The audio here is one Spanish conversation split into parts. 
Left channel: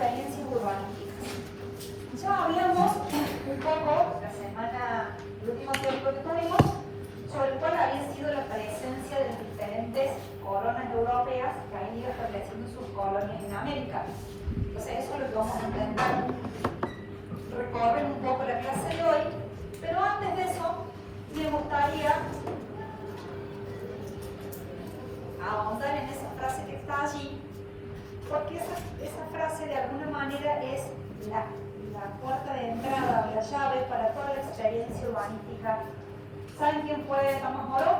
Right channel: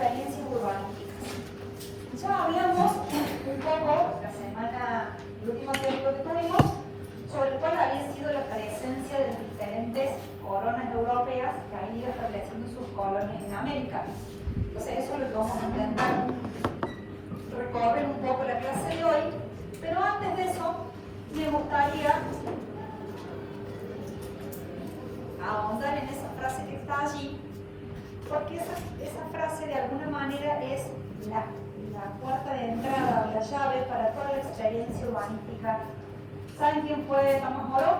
experiencias urbanísticas. Ya hablamos un poco la semana, el último tiempo que tuvimos, sobre cuál había sido la presencia de diferentes colonias europeas que han ido estableciendo sus colonias en América. Entonces eso lo vamos a intentar recorrer un poco la clase de hoy, pero antes de eso me gustaría ahondar en esa frase que está allí, porque esa frase de alguna manera es la puerta de entrada o la llave para toda la experiencia urbanística. ¿Saben quién fue Tomás Moro?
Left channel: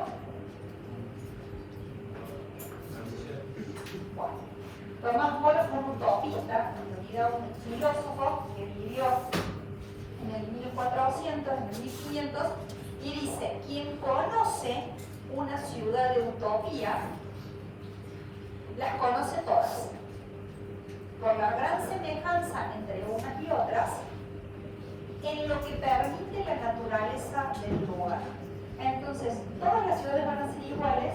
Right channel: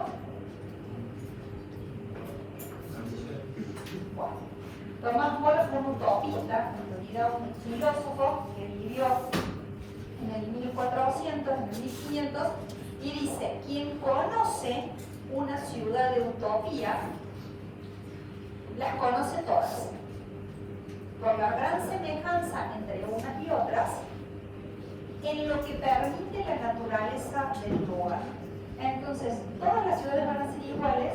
Bueno, Tomás Moro fue un utopista, en realidad un filósofo que vivió en el 1400, en el 1500, y dice: quien conoce una ciudad de utopía, las conoce todas, por la gran semejanza entre unas y otras, en lo que permite la naturaleza del lugar. Entonces, todas las ciudades van a ser iguales,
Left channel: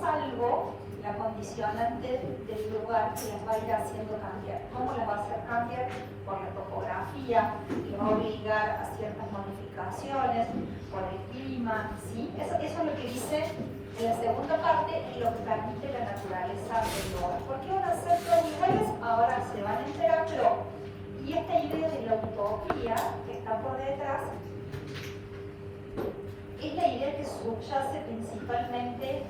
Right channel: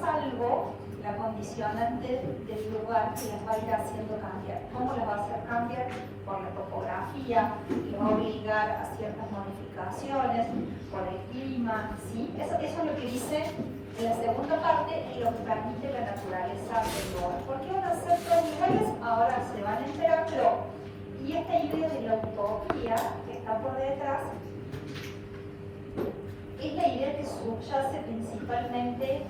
salvo la condicionante del lugar que las va a ir haciendo cambiar. ¿Cómo las va a hacer cambiar? Por la topografía, que va a obligar a ciertas modificaciones, por el clima, ¿sí? Eso es lo que dice en la segunda parte, y lo que permite la naturaleza del lugar. ¿Por qué van a ser todos iguales? Ahora se van a enterar, pero y esta idea de la utopía que está por detrás es la idea que subyace principalmente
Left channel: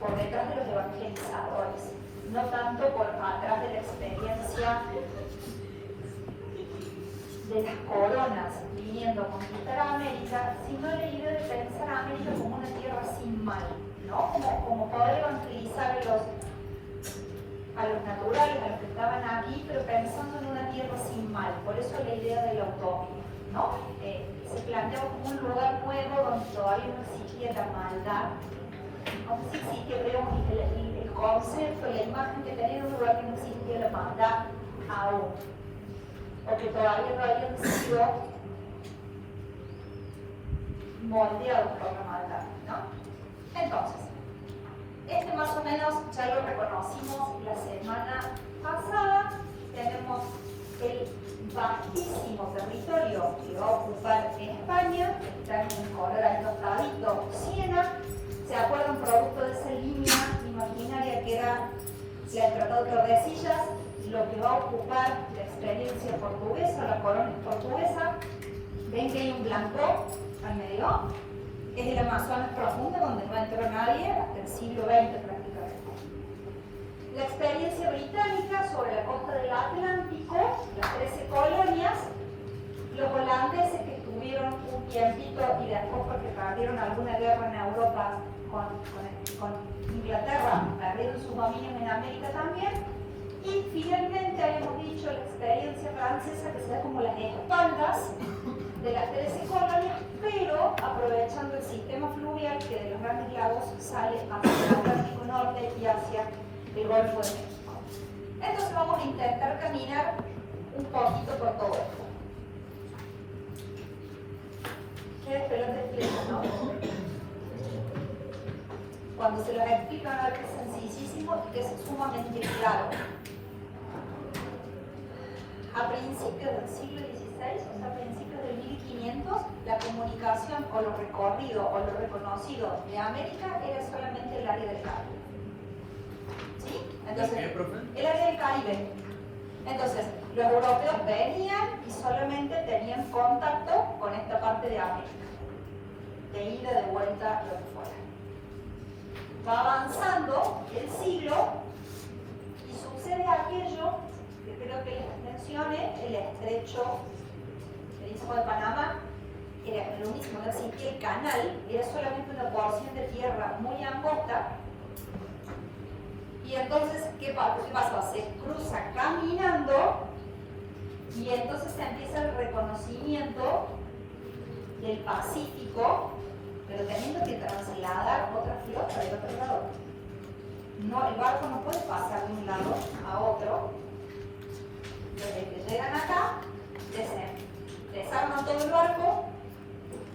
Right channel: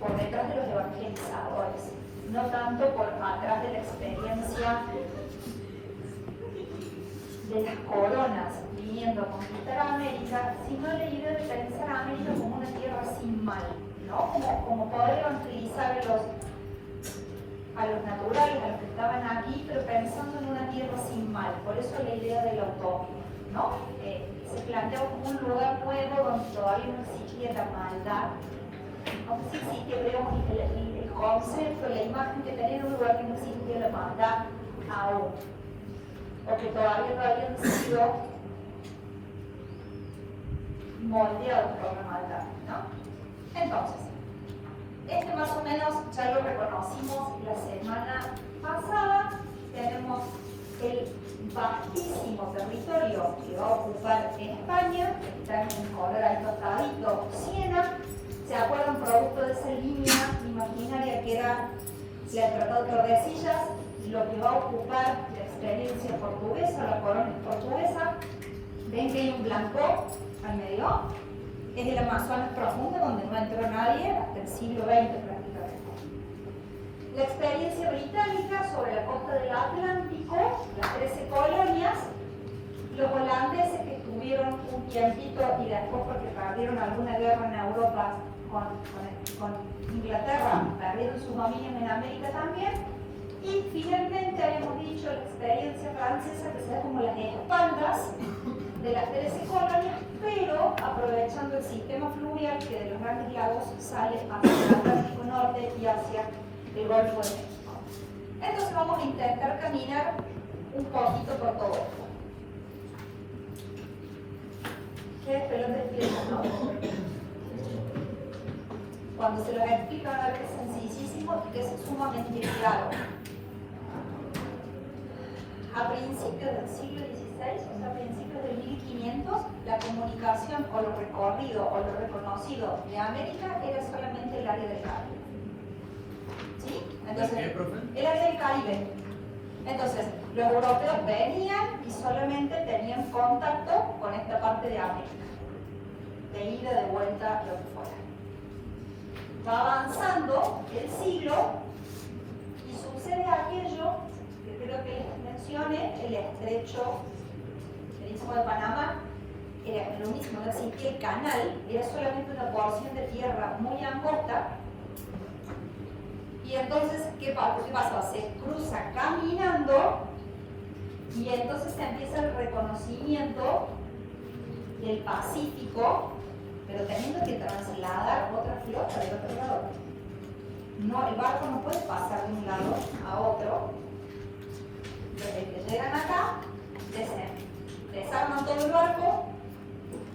por detrás de los evangelizadores, no tanto por atrás de la experiencia de las coronas viniendo a conquistar a América, sino la idea de pensar a América como una tierra sin mal, ¿no? Como poder evangelizar a los naturales, a los que estaban aquí, pero pensando en una tierra sin mal. Por eso la idea de la utopía, ¿no? Se plantea como un lugar nuevo donde todavía no existía la maldad. Sí existía, pero el concepto, la imagen que tenía un lugar que no existía la maldad aún, o que todavía no había sido moldeado por la maldad, ¿no? Entonces, más o menos ya lo reconocimos la semana pasada. Tenemos el vastísimo territorio que va a ocupar España, que está en el color ahí notadito, Siena. ¿Se acuerdan? Producto de esa línea imaginaria que era la del Tratado de Tordesillas, lo que va a ocupar la experiencia portuguesa, la colonia portuguesa. Ven que hay un blanco al medio, es el Amazonas profundo, donde no entró nadie hasta el siglo XX prácticamente. La experiencia británica sobre la costa del Atlántico, las 13 colonias, los holandeses que estuvieron un tiempito y después porque perdieron alguna guerra en Europa con Inglaterra, perdieron su dominio en América también, y finalmente habíamos dicho la experiencia francesa, que sea como las espaldas de las 13 colonias, pero aprovechando el sistema fluvial que de los grandes lagos sale hacia el Atlántico Norte y hacia el Golfo de México. Entonces vamos a intentar caminar un poquito por todo esto. ¿Qué pelota explica, no? Cuando se lo explica a ver que es sencillísimo y que es sumamente claro. A principios del siglo XVI, o sea, a principios del 1500, la comunicación o lo recorrido o lo reconocido de América era solamente el área del Caribe. ¿Sí? Entonces, el área del Caribe. Entonces, los europeos venían y solamente tenían contacto con esta parte de América, de ida, de vuelta, lo que fuera. Va avanzando el siglo y sucede aquello que creo que les mencioné, el estrecho del Istmo de Panamá era lo mismo, es decir, que el canal era solamente una porción de tierra muy angosta. Y entonces, ¿qué pasa? Se cruza caminando y entonces empieza el reconocimiento del Pacífico, pero teniendo que trasladar otra flota de otro lado. No, el barco no puede pasar de un lado a otro. Desde que llegan acá, desarman todo el barco,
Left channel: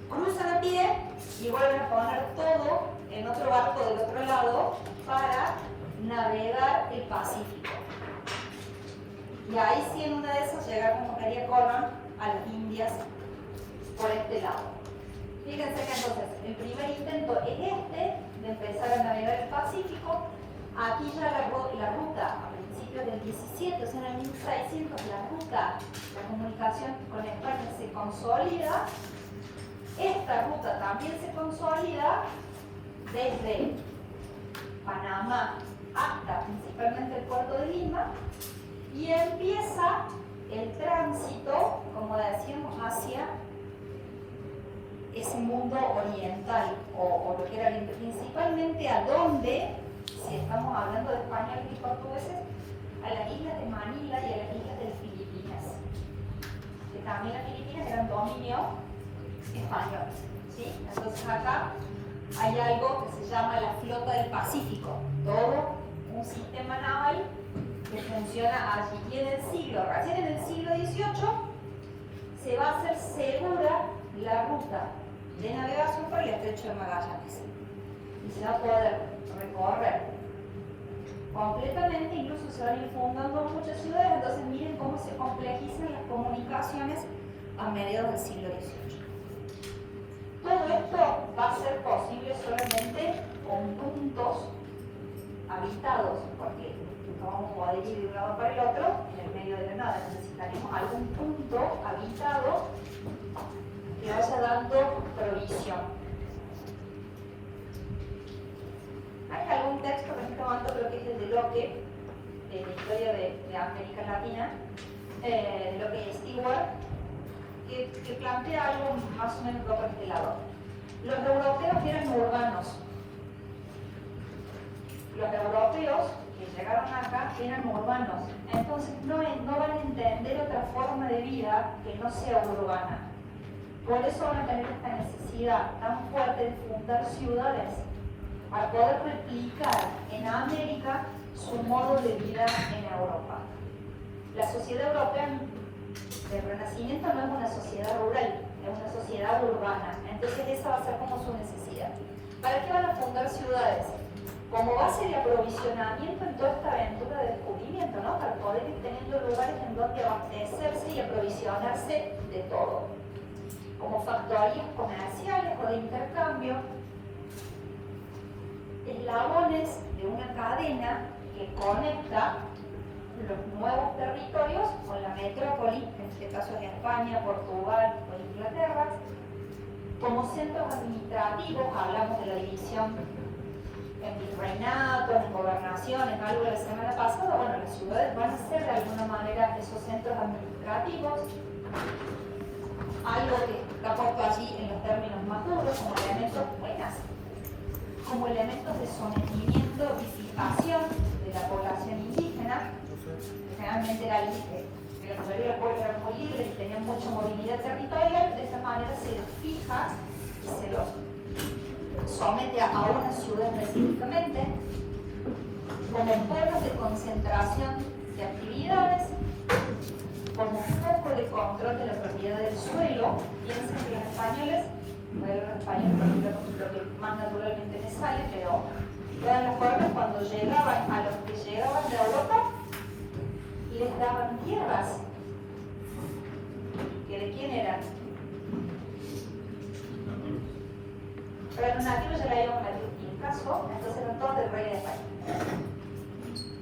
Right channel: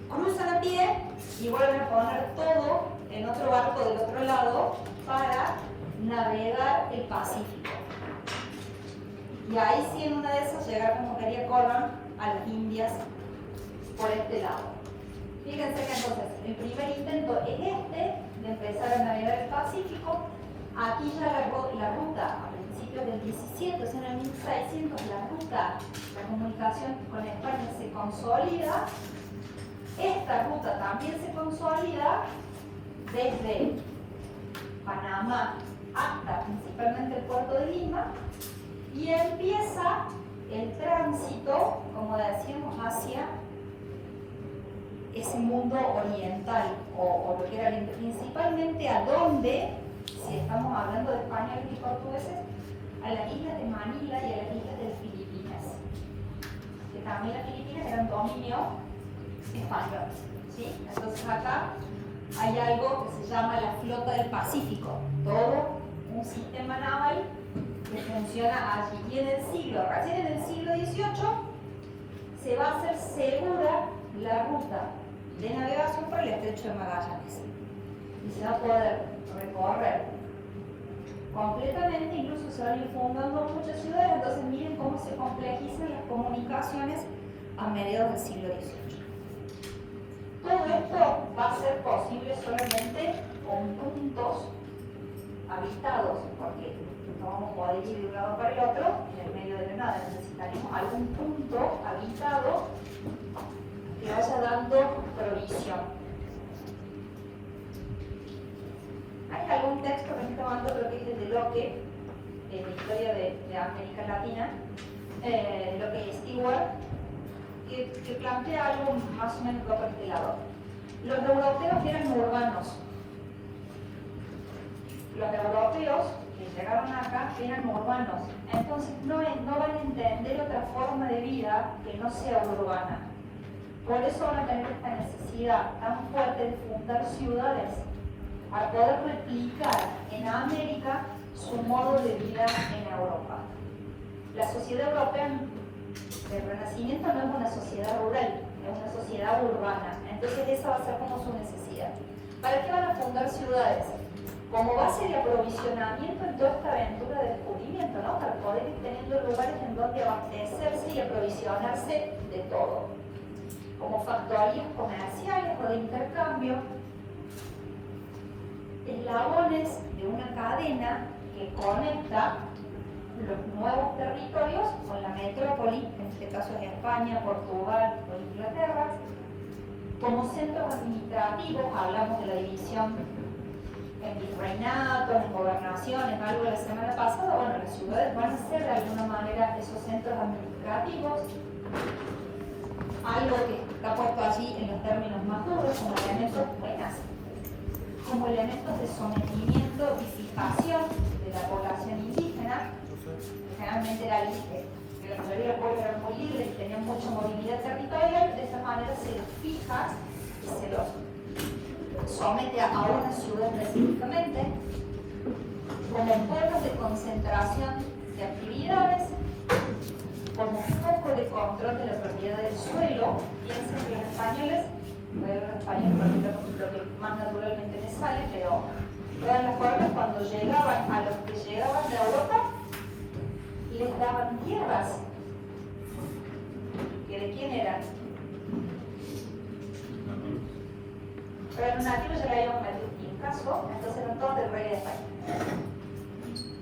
cruzan a pie y vuelven a poner todo en otro barco del otro lado para navegar el Pacífico. Y ahí sí en una de esas llega como quería Colón a las Indias por este lado. Fíjense que entonces el primer intento es de empezar a navegar el Pacífico. Aquí ya la ruta a principios del 17, o sea, en el 1600, la comunicación con España se consolida. Esta ruta también se consolida desde Panamá hasta principalmente el puerto de Lima y empieza el tránsito, como decíamos, hacia ese mundo oriental o lo que era principalmente a donde, si estamos hablando de españoles y portugueses, a las islas de Manila y a las islas de Filipinas, que también las Filipinas eran dominio español, ¿sí? Entonces acá hay algo que se llama la flota del Pacífico, todo un sistema naval que funciona allí. Y recién en el siglo XVIII, se va a hacer segura la ruta de navegación por el estrecho de Magallanes. Y se va a poder recorrer completamente, incluso se van a ir fundando muchas ciudades. Entonces miren cómo se complejizan las comunicaciones a mediados del siglo XVIII. Todo esto va a ser posible solamente con puntos habitados, porque no vamos a poder ir de un lado para el otro en el medio de la nada. Necesitaremos algún punto habitado que vaya dando provisión. Hay algún texto que estoy tomando, creo que es el de Locke, de la historia de América Latina, Locke y Stewart, que plantea algo más o menos por este lado. Los europeos eran urbanos. Los europeos que llegaron acá eran urbanos. Entonces no van a entender otra forma de vida que no sea urbana. Por eso van a tener esta necesidad tan fuerte de fundar ciudades para poder replicar en América su modo de vida en Europa. La sociedad europea del Renacimiento no es una sociedad rural, es una sociedad urbana. Entonces esa va a ser como su necesidad. ¿Para qué van a fundar ciudades? Como base de aprovisionamiento en toda esta aventura de descubrimiento, ¿no? Para poder ir teniendo lugares en donde abastecerse y aprovisionarse de todo. Como factorías comerciales o de intercambio, eslabones de una cadena que conecta los nuevos territorios con la metrópoli, en este caso en España, Portugal o Inglaterra. Como centros administrativos, hablamos de la división en virreinatos, en gobernaciones, algo de la semana pasada. Bueno, las ciudades van a ser de alguna manera esos centros administrativos, algo que está puesto allí en los términos más duros, como elementos de sometimiento y fijación de la población indígena. Realmente era libre, la mayoría del pueblo era muy libre y tenían mucha movilidad territorial. De esa manera se les fija y se los somete a una ciudad específicamente, como pueblos de concentración de actividades, como foco de control de la propiedad del suelo. Piensen que los españoles, lo que más naturalmente les sale, pero eran los pueblos cuando llegaban a los que llegaban de Europa y les daban tierras. ¿Y de quién eran? Pero los nativos ya habían metido en caso, entonces eran todos del rey de España.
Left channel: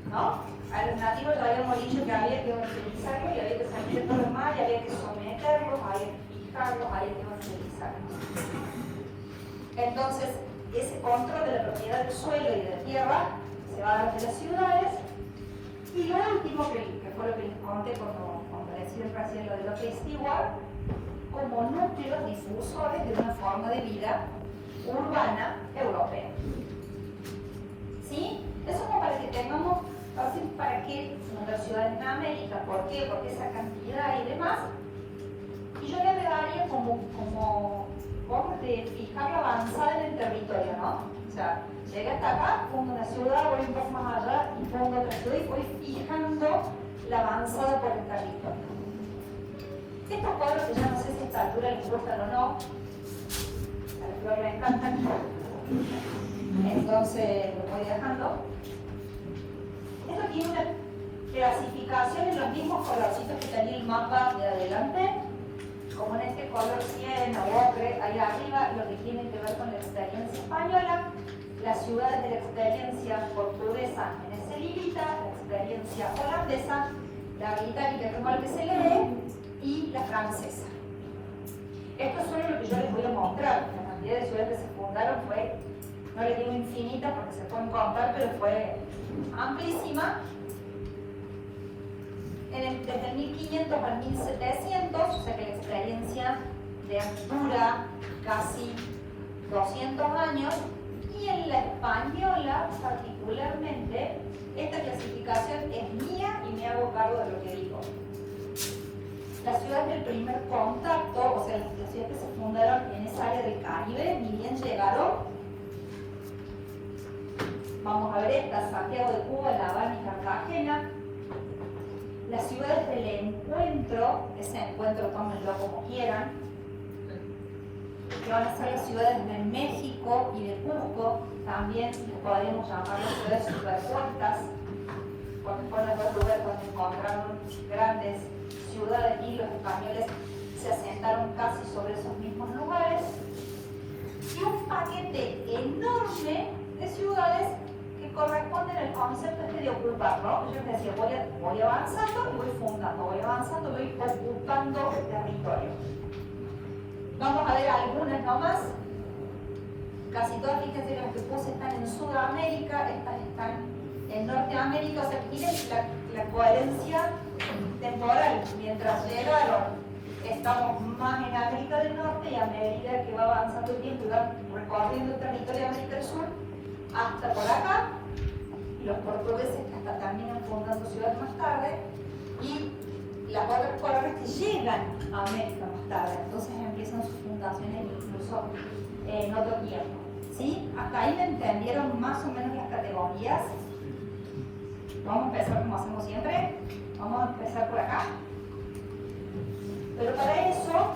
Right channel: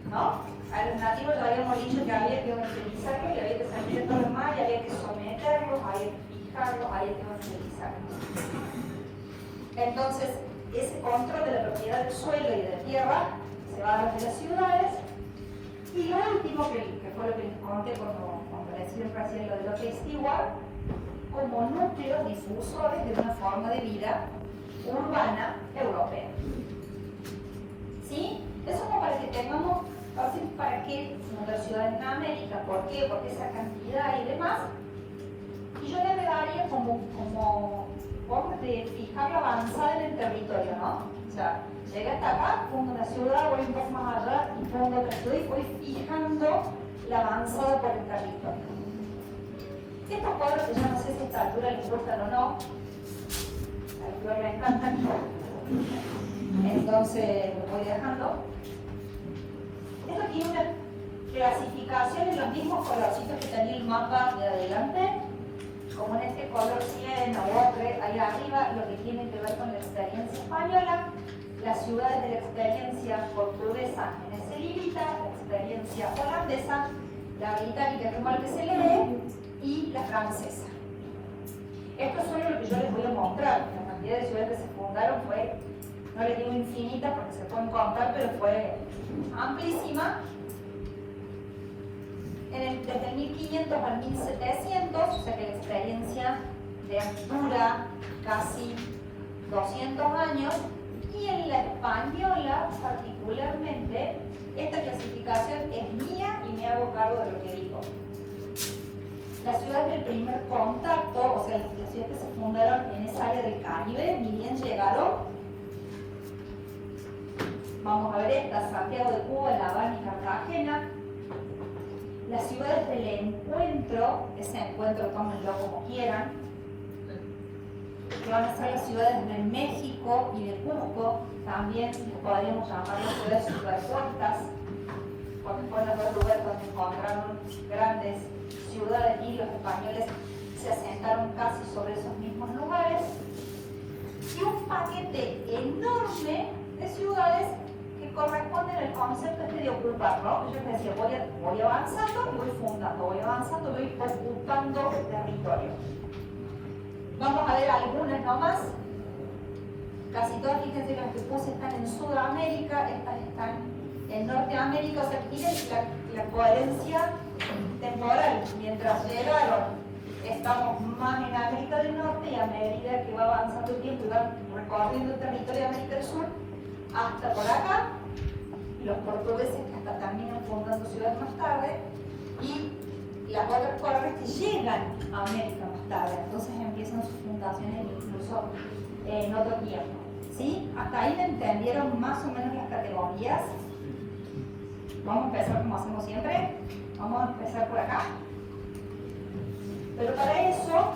¿No? A los nativos ya habíamos dicho que había que evangelizarlos y había que salir de todo el mar y había que someterlos, había que fijarlos, había que evangelizarlos. Entonces, ese control de la propiedad del suelo y de la tierra se va a dar de las ciudades. Y lo último, que fue lo que les conté como decía recién lo de Locke y Stewart, como núcleos difusores de una forma de vida urbana europea. ¿Sí? Eso como para que tengamos, para qué fundar ciudades en América, ¿por qué? Porque esa cantidad y demás. Y yo le agregaría como forma de fijar la avanzada en el territorio, ¿no? O sea, llegué hasta acá, pongo una ciudad, voy un poco más allá y pongo otra ciudad y voy fijando la avanzada por el territorio. Estos cuadros que yo no sé si a esta altura les gustan o no, pero me encantan. Entonces lo voy dejando. Esto tiene una clasificación en los mismos colorcitos que tenía el mapa de adelante, como en este color cielo, ocre, ahí arriba, lo que tiene que ver con la experiencia española, las ciudades de la experiencia portuguesa en ese librita, la experiencia holandesa, la británica, que es lo que se lee, y la francesa. Esto es solo lo que yo les voy a mostrar. La cantidad de ciudades que se fundaron fue, no les digo infinita porque se pueden contar, pero fue amplísima. Desde el 1500 al 1700, o sea que la experiencia dura casi 200 años, y en la española particularmente, esta clasificación es mía y me hago cargo de lo que digo. Las ciudades del primer contacto, o sea, las ciudades que se fundaron en esa área del Caribe, ni bien llegaron. Vamos a ver estas: Santiago de Cuba, La Habana y Cartagena. Las ciudades del encuentro, ese encuentro tómenlo como quieran, que van a ser las ciudades de México y de Cusco, también podríamos llamar las ciudades superpuestas, porque fueron el lugar donde encontraron grandes ciudades y los españoles se asentaron casi sobre esos mismos lugares, y un paquete enorme de ciudades que corresponden al concepto de ocupar, ¿no? Yo les decía, voy avanzando y voy fundando, voy avanzando y voy ocupando el territorio. Vamos a ver algunas nomás. Casi todas, fíjense que las que puse están en Sudamérica, estas están en Norteamérica, o sea, miren la coherencia temporal. Mientras llegaron, estamos más en América del Norte, y a medida que va avanzando el tiempo y va recorriendo el territorio de América del Sur, hasta por acá, y los portugueses que hasta también han fundado ciudades más tarde, y las otras colonias que llegan a América más tarde, entonces empiezan sus fundaciones incluso en otro tiempo. ¿Sí? Hasta ahí me entendieron más o menos las categorías. Vamos a empezar como hacemos siempre. Vamos a empezar por acá. Pero para eso,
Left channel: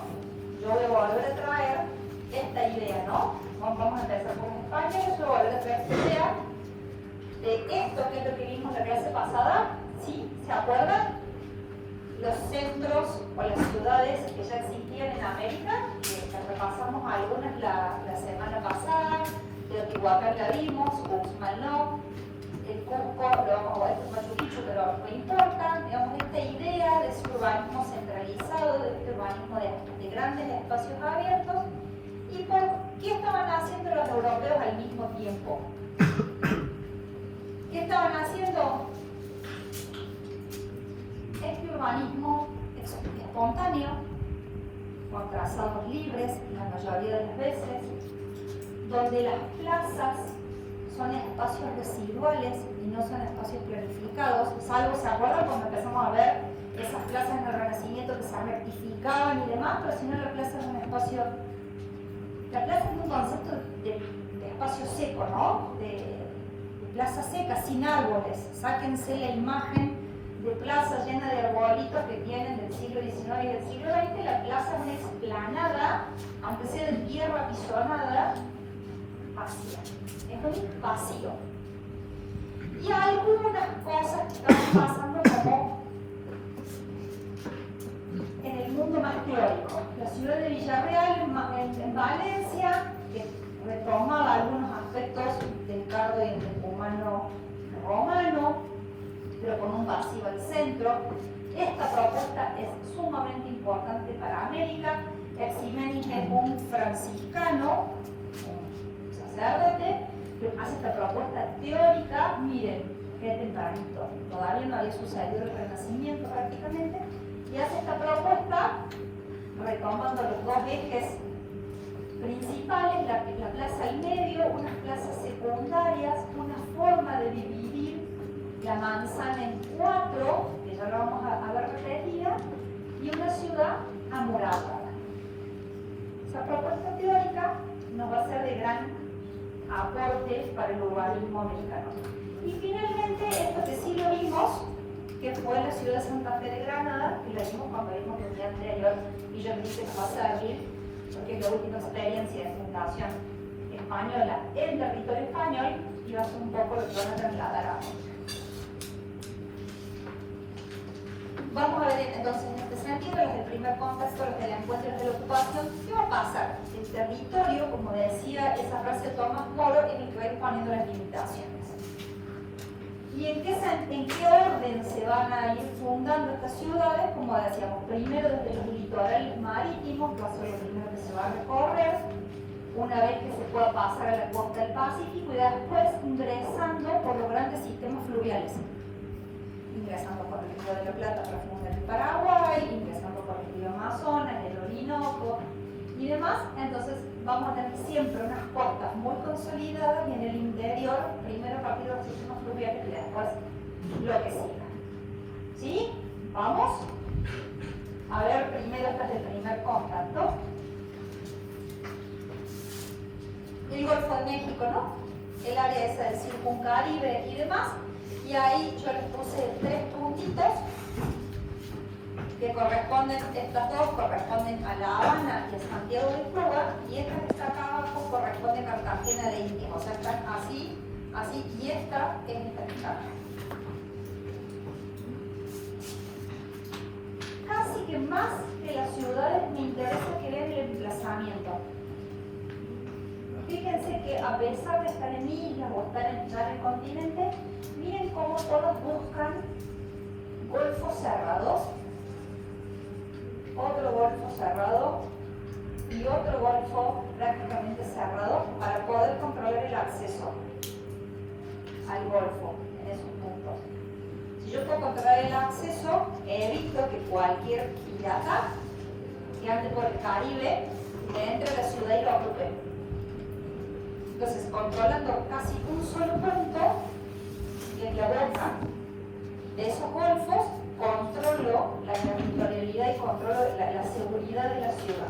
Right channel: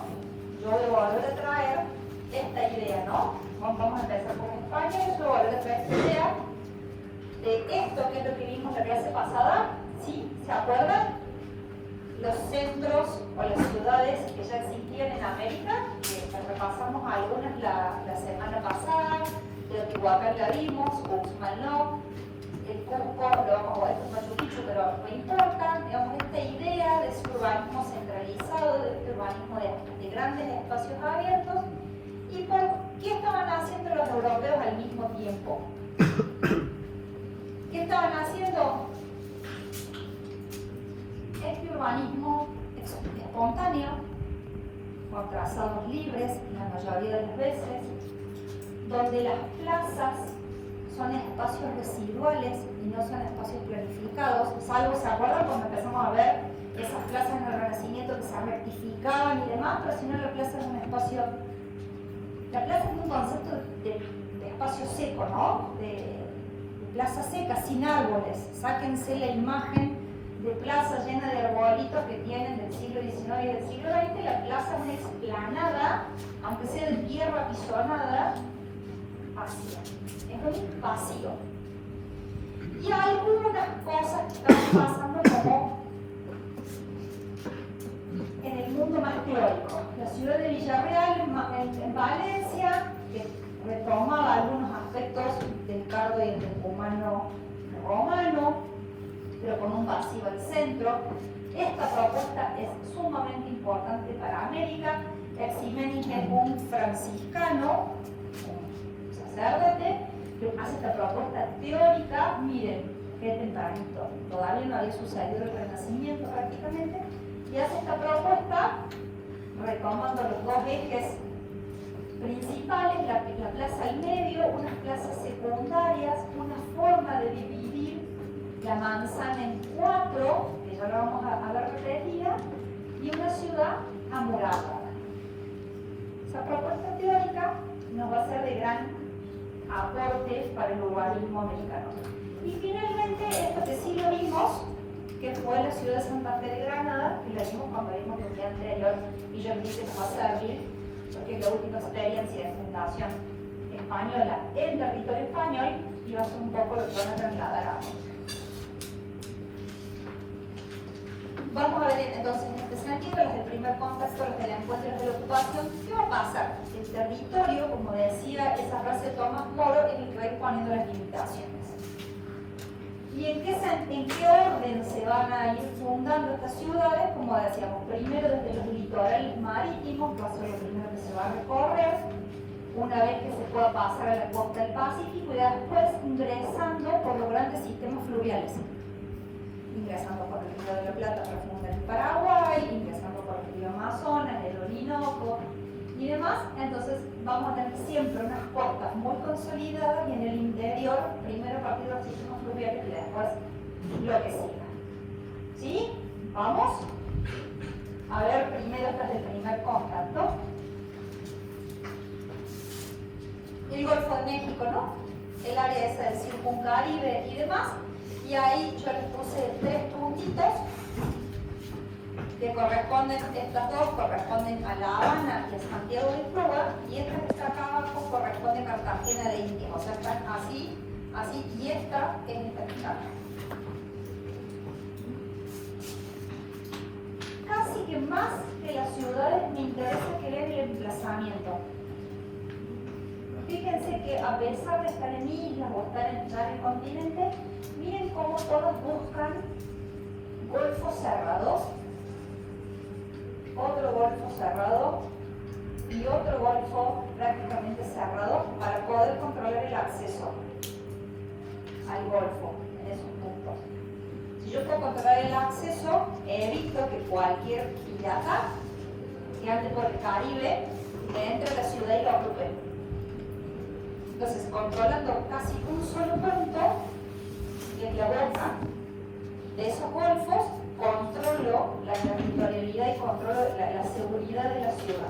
yo voy a volver a traer esta idea, ¿no? Vamos a empezar con España, yo voy a volver a traer esta idea de esto, que es lo que vimos la clase pasada. ¿Sí? ¿Se acuerdan? Los centros o las ciudades que ya existían en América, que repasamos algunas la semana pasada. Teotihuacán la vimos, Uxmal no, el Cusco lo vamos a ver con Machu Picchu, pero no importa. Digamos, esta idea de ese urbanismo centralizado, de este urbanismo de grandes espacios abiertos. ¿Y por qué estaban haciendo los europeos al mismo tiempo? ¿Qué estaban haciendo? Este urbanismo espontáneo, con trazados libres, la mayoría de las veces, donde las plazas son espacios residuales y no son espacios planificados, salvo, ¿se acuerdan cuando empezamos a ver esas plazas en el Renacimiento que se rectificaban y demás? Pero si no, la plaza es un espacio, la plaza es un concepto de espacio seco, ¿no? De plaza seca, sin árboles. Sáquense la imagen de plaza llena de arbolitos que tienen del siglo XIX y del siglo XX. La plaza es una explanada, aunque sea de tierra apisonada, vacía. Es un vacío. Y algunas cosas que están pasando como en el mundo más teórico. La ciudad de Villarreal, en Valencia, que retomaba algunos aspectos del cargo y del humano romano, pero con un vacío al centro. Esta propuesta es sumamente importante para América. Ximenes es un franciscano, un sacerdote, que hace esta propuesta teórica. Miren, qué tempranito, todavía no había sucedido el Renacimiento prácticamente, y hace esta propuesta retomando los dos ejes principales, la plaza al medio, unas plazas secundarias, una forma de dividir la manzana en cuatro, que ya la vamos a ver repetida, y una ciudad amurallada. Esa propuesta teórica nos va a ser de gran aporte para el urbanismo americano. Y finalmente, esto que sí lo vimos, que fue la ciudad de Santa Fe de Granada, que lo vimos cuando vimos el día anterior, y yo les dije que nos va a servir, porque es la última experiencia de fundación española en territorio español, y va a ser un poco lo que van a trasladar a vamos a ver entonces en este sentido, desde el primer contexto, desde el encuentro de la ocupación, ¿qué va a pasar? El territorio, como decía esa frase de Tomás Moro, tiene que ver poniendo las limitaciones. ¿Y en qué orden se van a ir fundando estas ciudades? Como decíamos, primero desde los litorales marítimos, va a ser lo primero que se va a recorrer, una vez que se pueda pasar a la costa del Pacífico, y después ingresando por los grandes sistemas fluviales. Ingresando por el río de la Plata, profundo del Paraguay, ingresando por el río Amazonas, el Orinoco y demás. Entonces vamos a tener siempre unas costas muy consolidadas y en el interior, primero a partir de los sistemas fluviales y después lo que siga. ¿Sí? ¿Vamos? A ver primero desde el primer contacto. El Golfo de México, ¿no? El área esa del Circuncaribe y demás. Y ahí yo les puse 3 puntitos que corresponden, estas dos corresponden a La Habana y a Santiago de Cuba, y estas que están acá abajo corresponden a Cartagena de Indias. O sea, están así, así, y esta es esta que está acá. Casi que más que las ciudades me interesa que vean el emplazamiento. Fíjense que a pesar de estar en islas o estar en el continente, miren cómo todos buscan golfos cerrados, otro golfo cerrado y otro golfo prácticamente cerrado para poder controlar el acceso al golfo en esos puntos. Si yo puedo controlar el acceso, evito que cualquier pirata que ande por el Caribe le entre a la ciudad y lo ocupe. Entonces, controlando casi un solo punto de la boca de esos golfos, controlo la territorialidad y controlo la seguridad de la ciudad.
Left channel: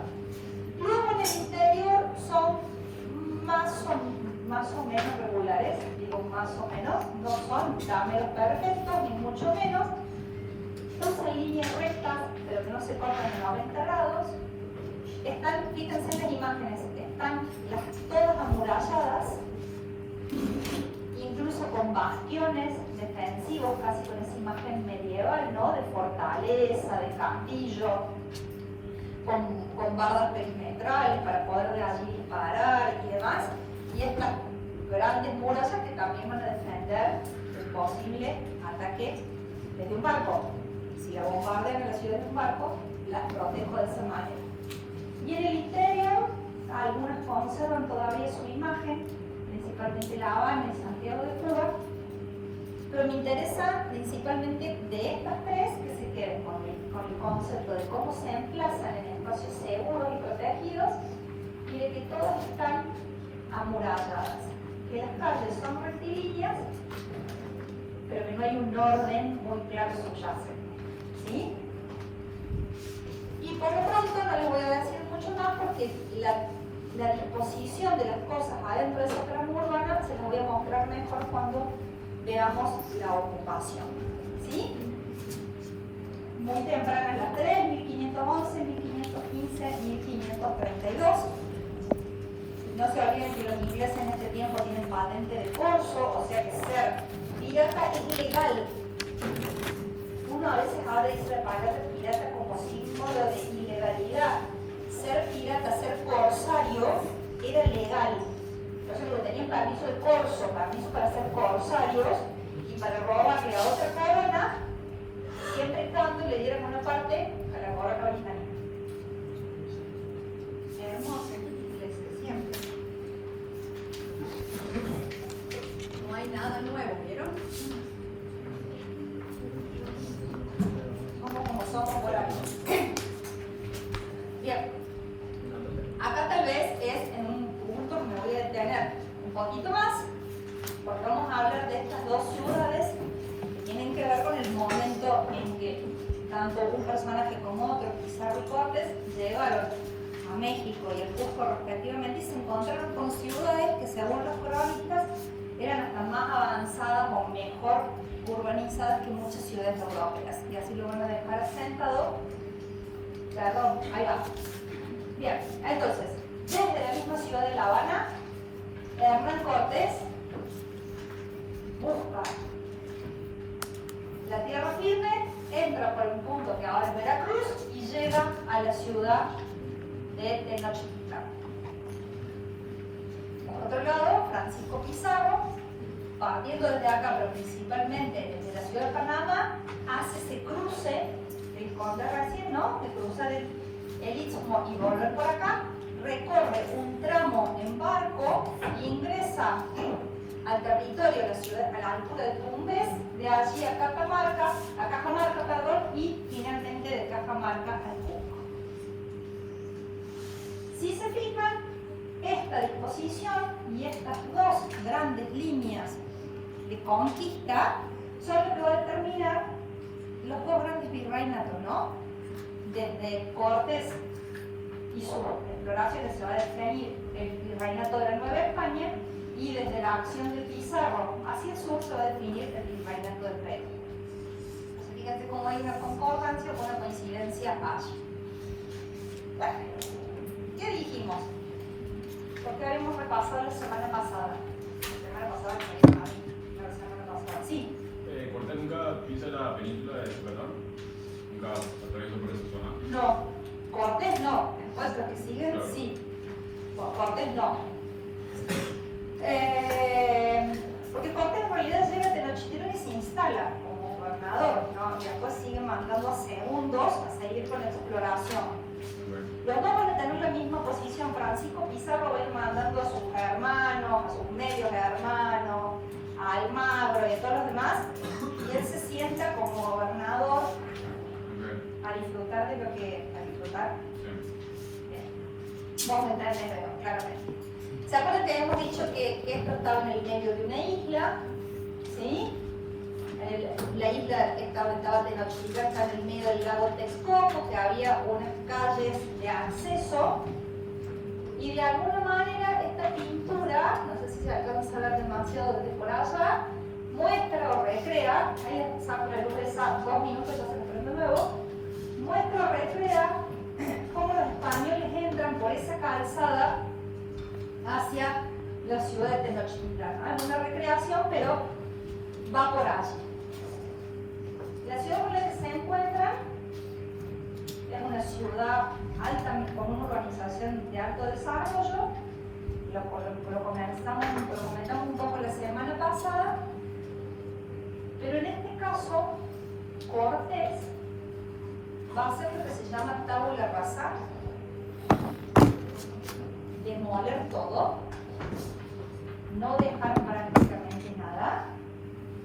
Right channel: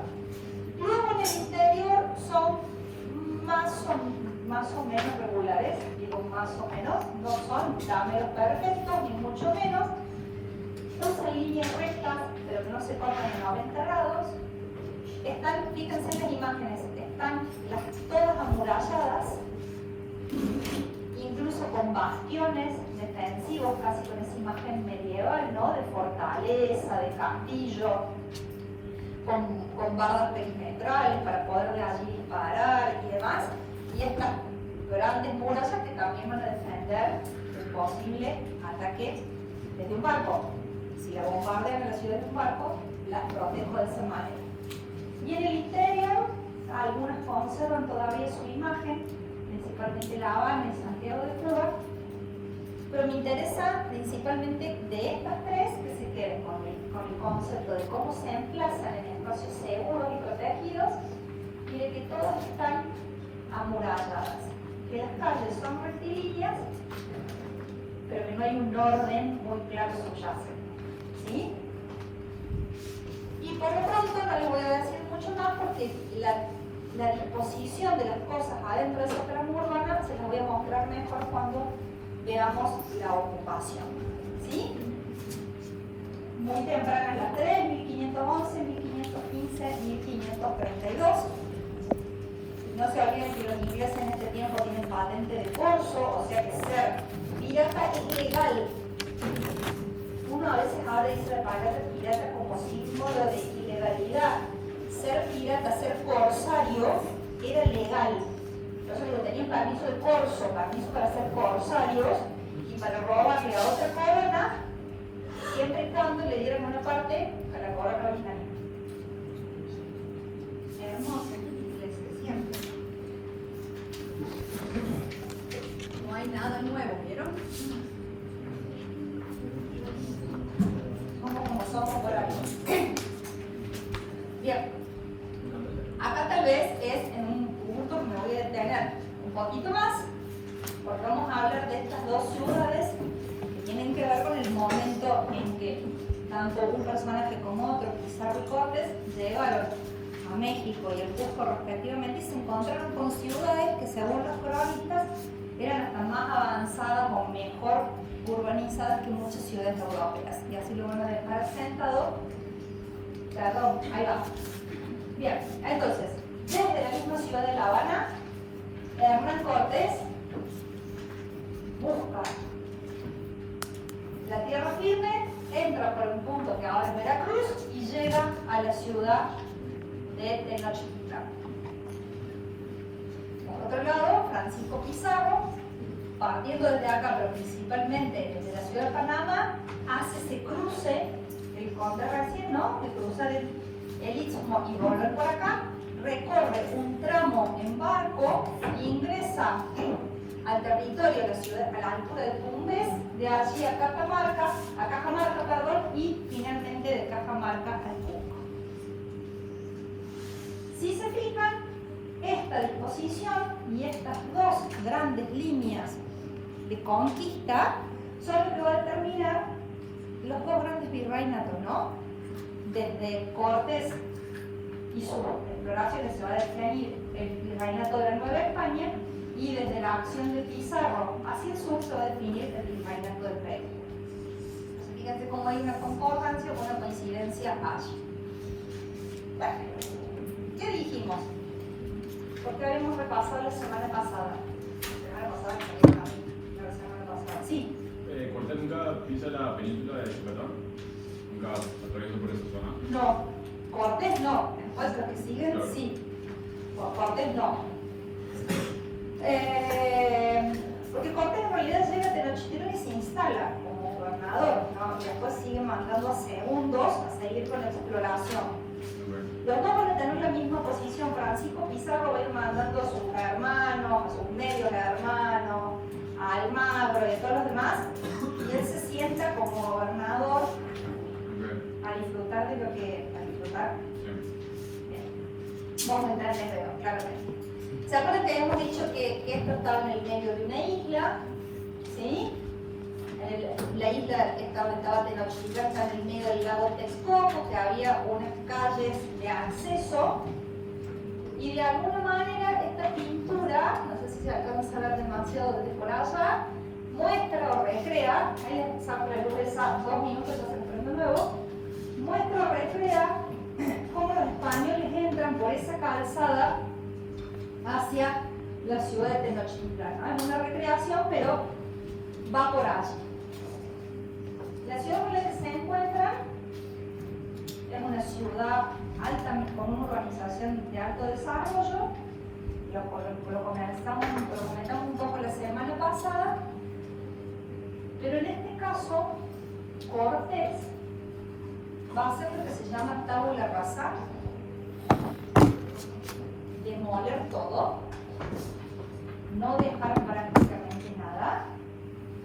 Luego en el interior son más o menos regulares, digo más o menos, no son cameos perfectos, ni mucho menos. Son líneas rectas, pero que no se cortan en 90 grados. Están, fíjense en las imágenes, están todas amuralladas, incluso con bastiones defensivos, casi con esa imagen medieval, ¿no? De fortaleza, de castillo, con barras perimetrales para poder de allí disparar y demás. Y estas grandes murallas que también van a defender del posible ataque desde un barco. Si la bombardean en la ciudad de un barco, las protejo de esa manera. Y en el interior, algunas conservan todavía su imagen, principalmente La Habana y Santiago de Cuba, pero me interesa principalmente de estas 3 que se queden con el concepto de cómo se emplazan en espacios seguros y protegidos, y de que todas están amuralladas, que las calles son rectilíneas, pero que no hay un orden muy claro subyacente. ¿Sí? Y por lo pronto no les voy a decir mucho más porque la disposición de las cosas adentro de esa trama urbana se las voy a mostrar mejor cuando veamos la ocupación. ¿Sí? Muy temprano las 3, 1511, 1515, 1532. No se olviden que los ingleses en este tiempo tienen patente de corso, o sea que ser pirata es ilegal. Uno a veces ahora dice la palabra pirata como símbolo de ilegalidad. Ser pirata, ser corsario, era legal. Entonces, porque tenían permiso de corso, permiso para ser corsarios y para robar de la otra corona, siempre y cuando le dieran una parte a la corona original. Hermoso, iglesia, siempre. No hay nada nuevo, ¿vieron? Somos por ahí. Bien. Acá tal vez es en un punto que me voy a detener un poquito más, porque vamos a hablar de estas 2 ciudades que tienen que ver con el momento en que tanto un personaje como otro, Pizarro y Cortés, llegaron a México y al Cusco respectivamente y se encontraron con ciudades que según los cronistas eran hasta más avanzadas o mejor urbanizadas que muchas ciudades europeas. Y así lo van a dejar sentado. Perdón, ahí va. Bien, entonces, desde la misma ciudad de La Habana, Hernán Cortés busca la tierra firme, entra por un punto partiendo desde acá, pero principalmente desde la ciudad de Panamá, hace ese cruce, el conde recién, ¿no? De cruzar el istmo y volver por acá, recorre un tramo en barco, ingresa al territorio de la ciudad, a la altura de Tumbes, de allí a Cajamarca, y finalmente de Cajamarca al Cusco. Si se fijan, esta disposición y estas dos grandes líneas de conquista son lo que va a determinar los dos grandes virreinatos, ¿no? Desde Cortés y su exploración se va a definir el virreinato de la Nueva España, y desde la acción de Pizarro hacia el sur se va a definir el virreinato del Perú. Fíjense cómo hay una concordancia o una coincidencia allí. Bueno, ¿qué dijimos? Porque habíamos repasado la semana pasada. Sí. ¿Cortés nunca pisa la península de Yucatán? ¿Nunca recorriendo por esa zona? No, Cortés no. Después lo que sigue, claro. Sí. Cortés no. Porque Cortés en realidad llega a Tenochtitlán y se instala como gobernador, ¿no? Y después sigue mandando a segundos a seguir con la exploración. Los dos van a tener la misma posición. Francisco Pizarro va a ir mandando a sus hermanos, a sus medios hermanos, a Almagro y a todos los demás, y él se sienta como gobernador a disfrutar de lo que... ¿A disfrutar? Bien. Vamos a entrar en eso, claramente. ¿Se acuerdan que habíamos dicho que esto estaba en el medio de una isla? ¿Sí? La isla estaba Tenochtitlán, estaba en el medio del lago Texcoco, que había unas calles de acceso, y de alguna manera esta pintura, no sé si se alcanza a ver demasiado desde por allá, muestra o recrea, ahí les saco la luz esa 2 minutos, entonces prendo nuevo, muestra o recrea cómo los españoles entran por esa calzada hacia la ciudad de Tenochtitlán. Es una recreación, pero va por allí. La ciudad con la que se encuentran es una ciudad alta, con una urbanización de alto desarrollo. Lo comentamos un poco la semana pasada, pero en este caso Cortés va a hacer lo que se llama tabula rasa, demoler todo, no dejar prácticamente nada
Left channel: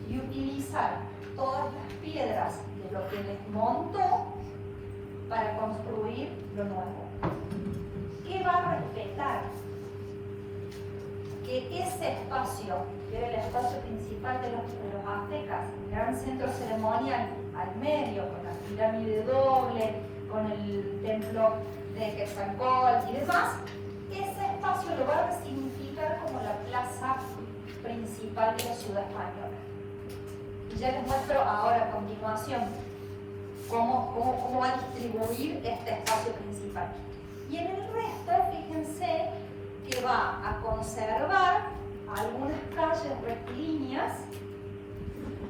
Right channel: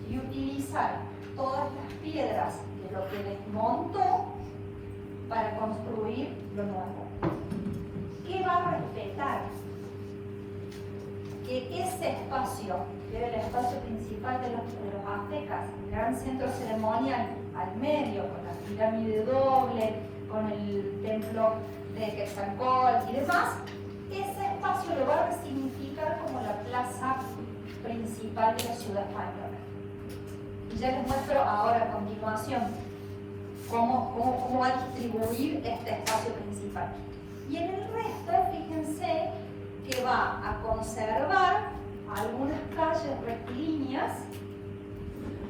y utilizar todas las piedras de lo que desmontó para construir lo nuevo. ¿Qué va a respetar? Que ese espacio, que era el espacio principal de los aztecas, el gran centro ceremonial al medio, con la pirámide doble, con el templo de Quetzalcóatl y demás, ese espacio lo va a resignificar como la plaza principal de la ciudad española. Y ya les muestro ahora a continuación cómo va a distribuir este espacio principal. Y en el resto, fíjense que va a conservar algunas calles rectilíneas,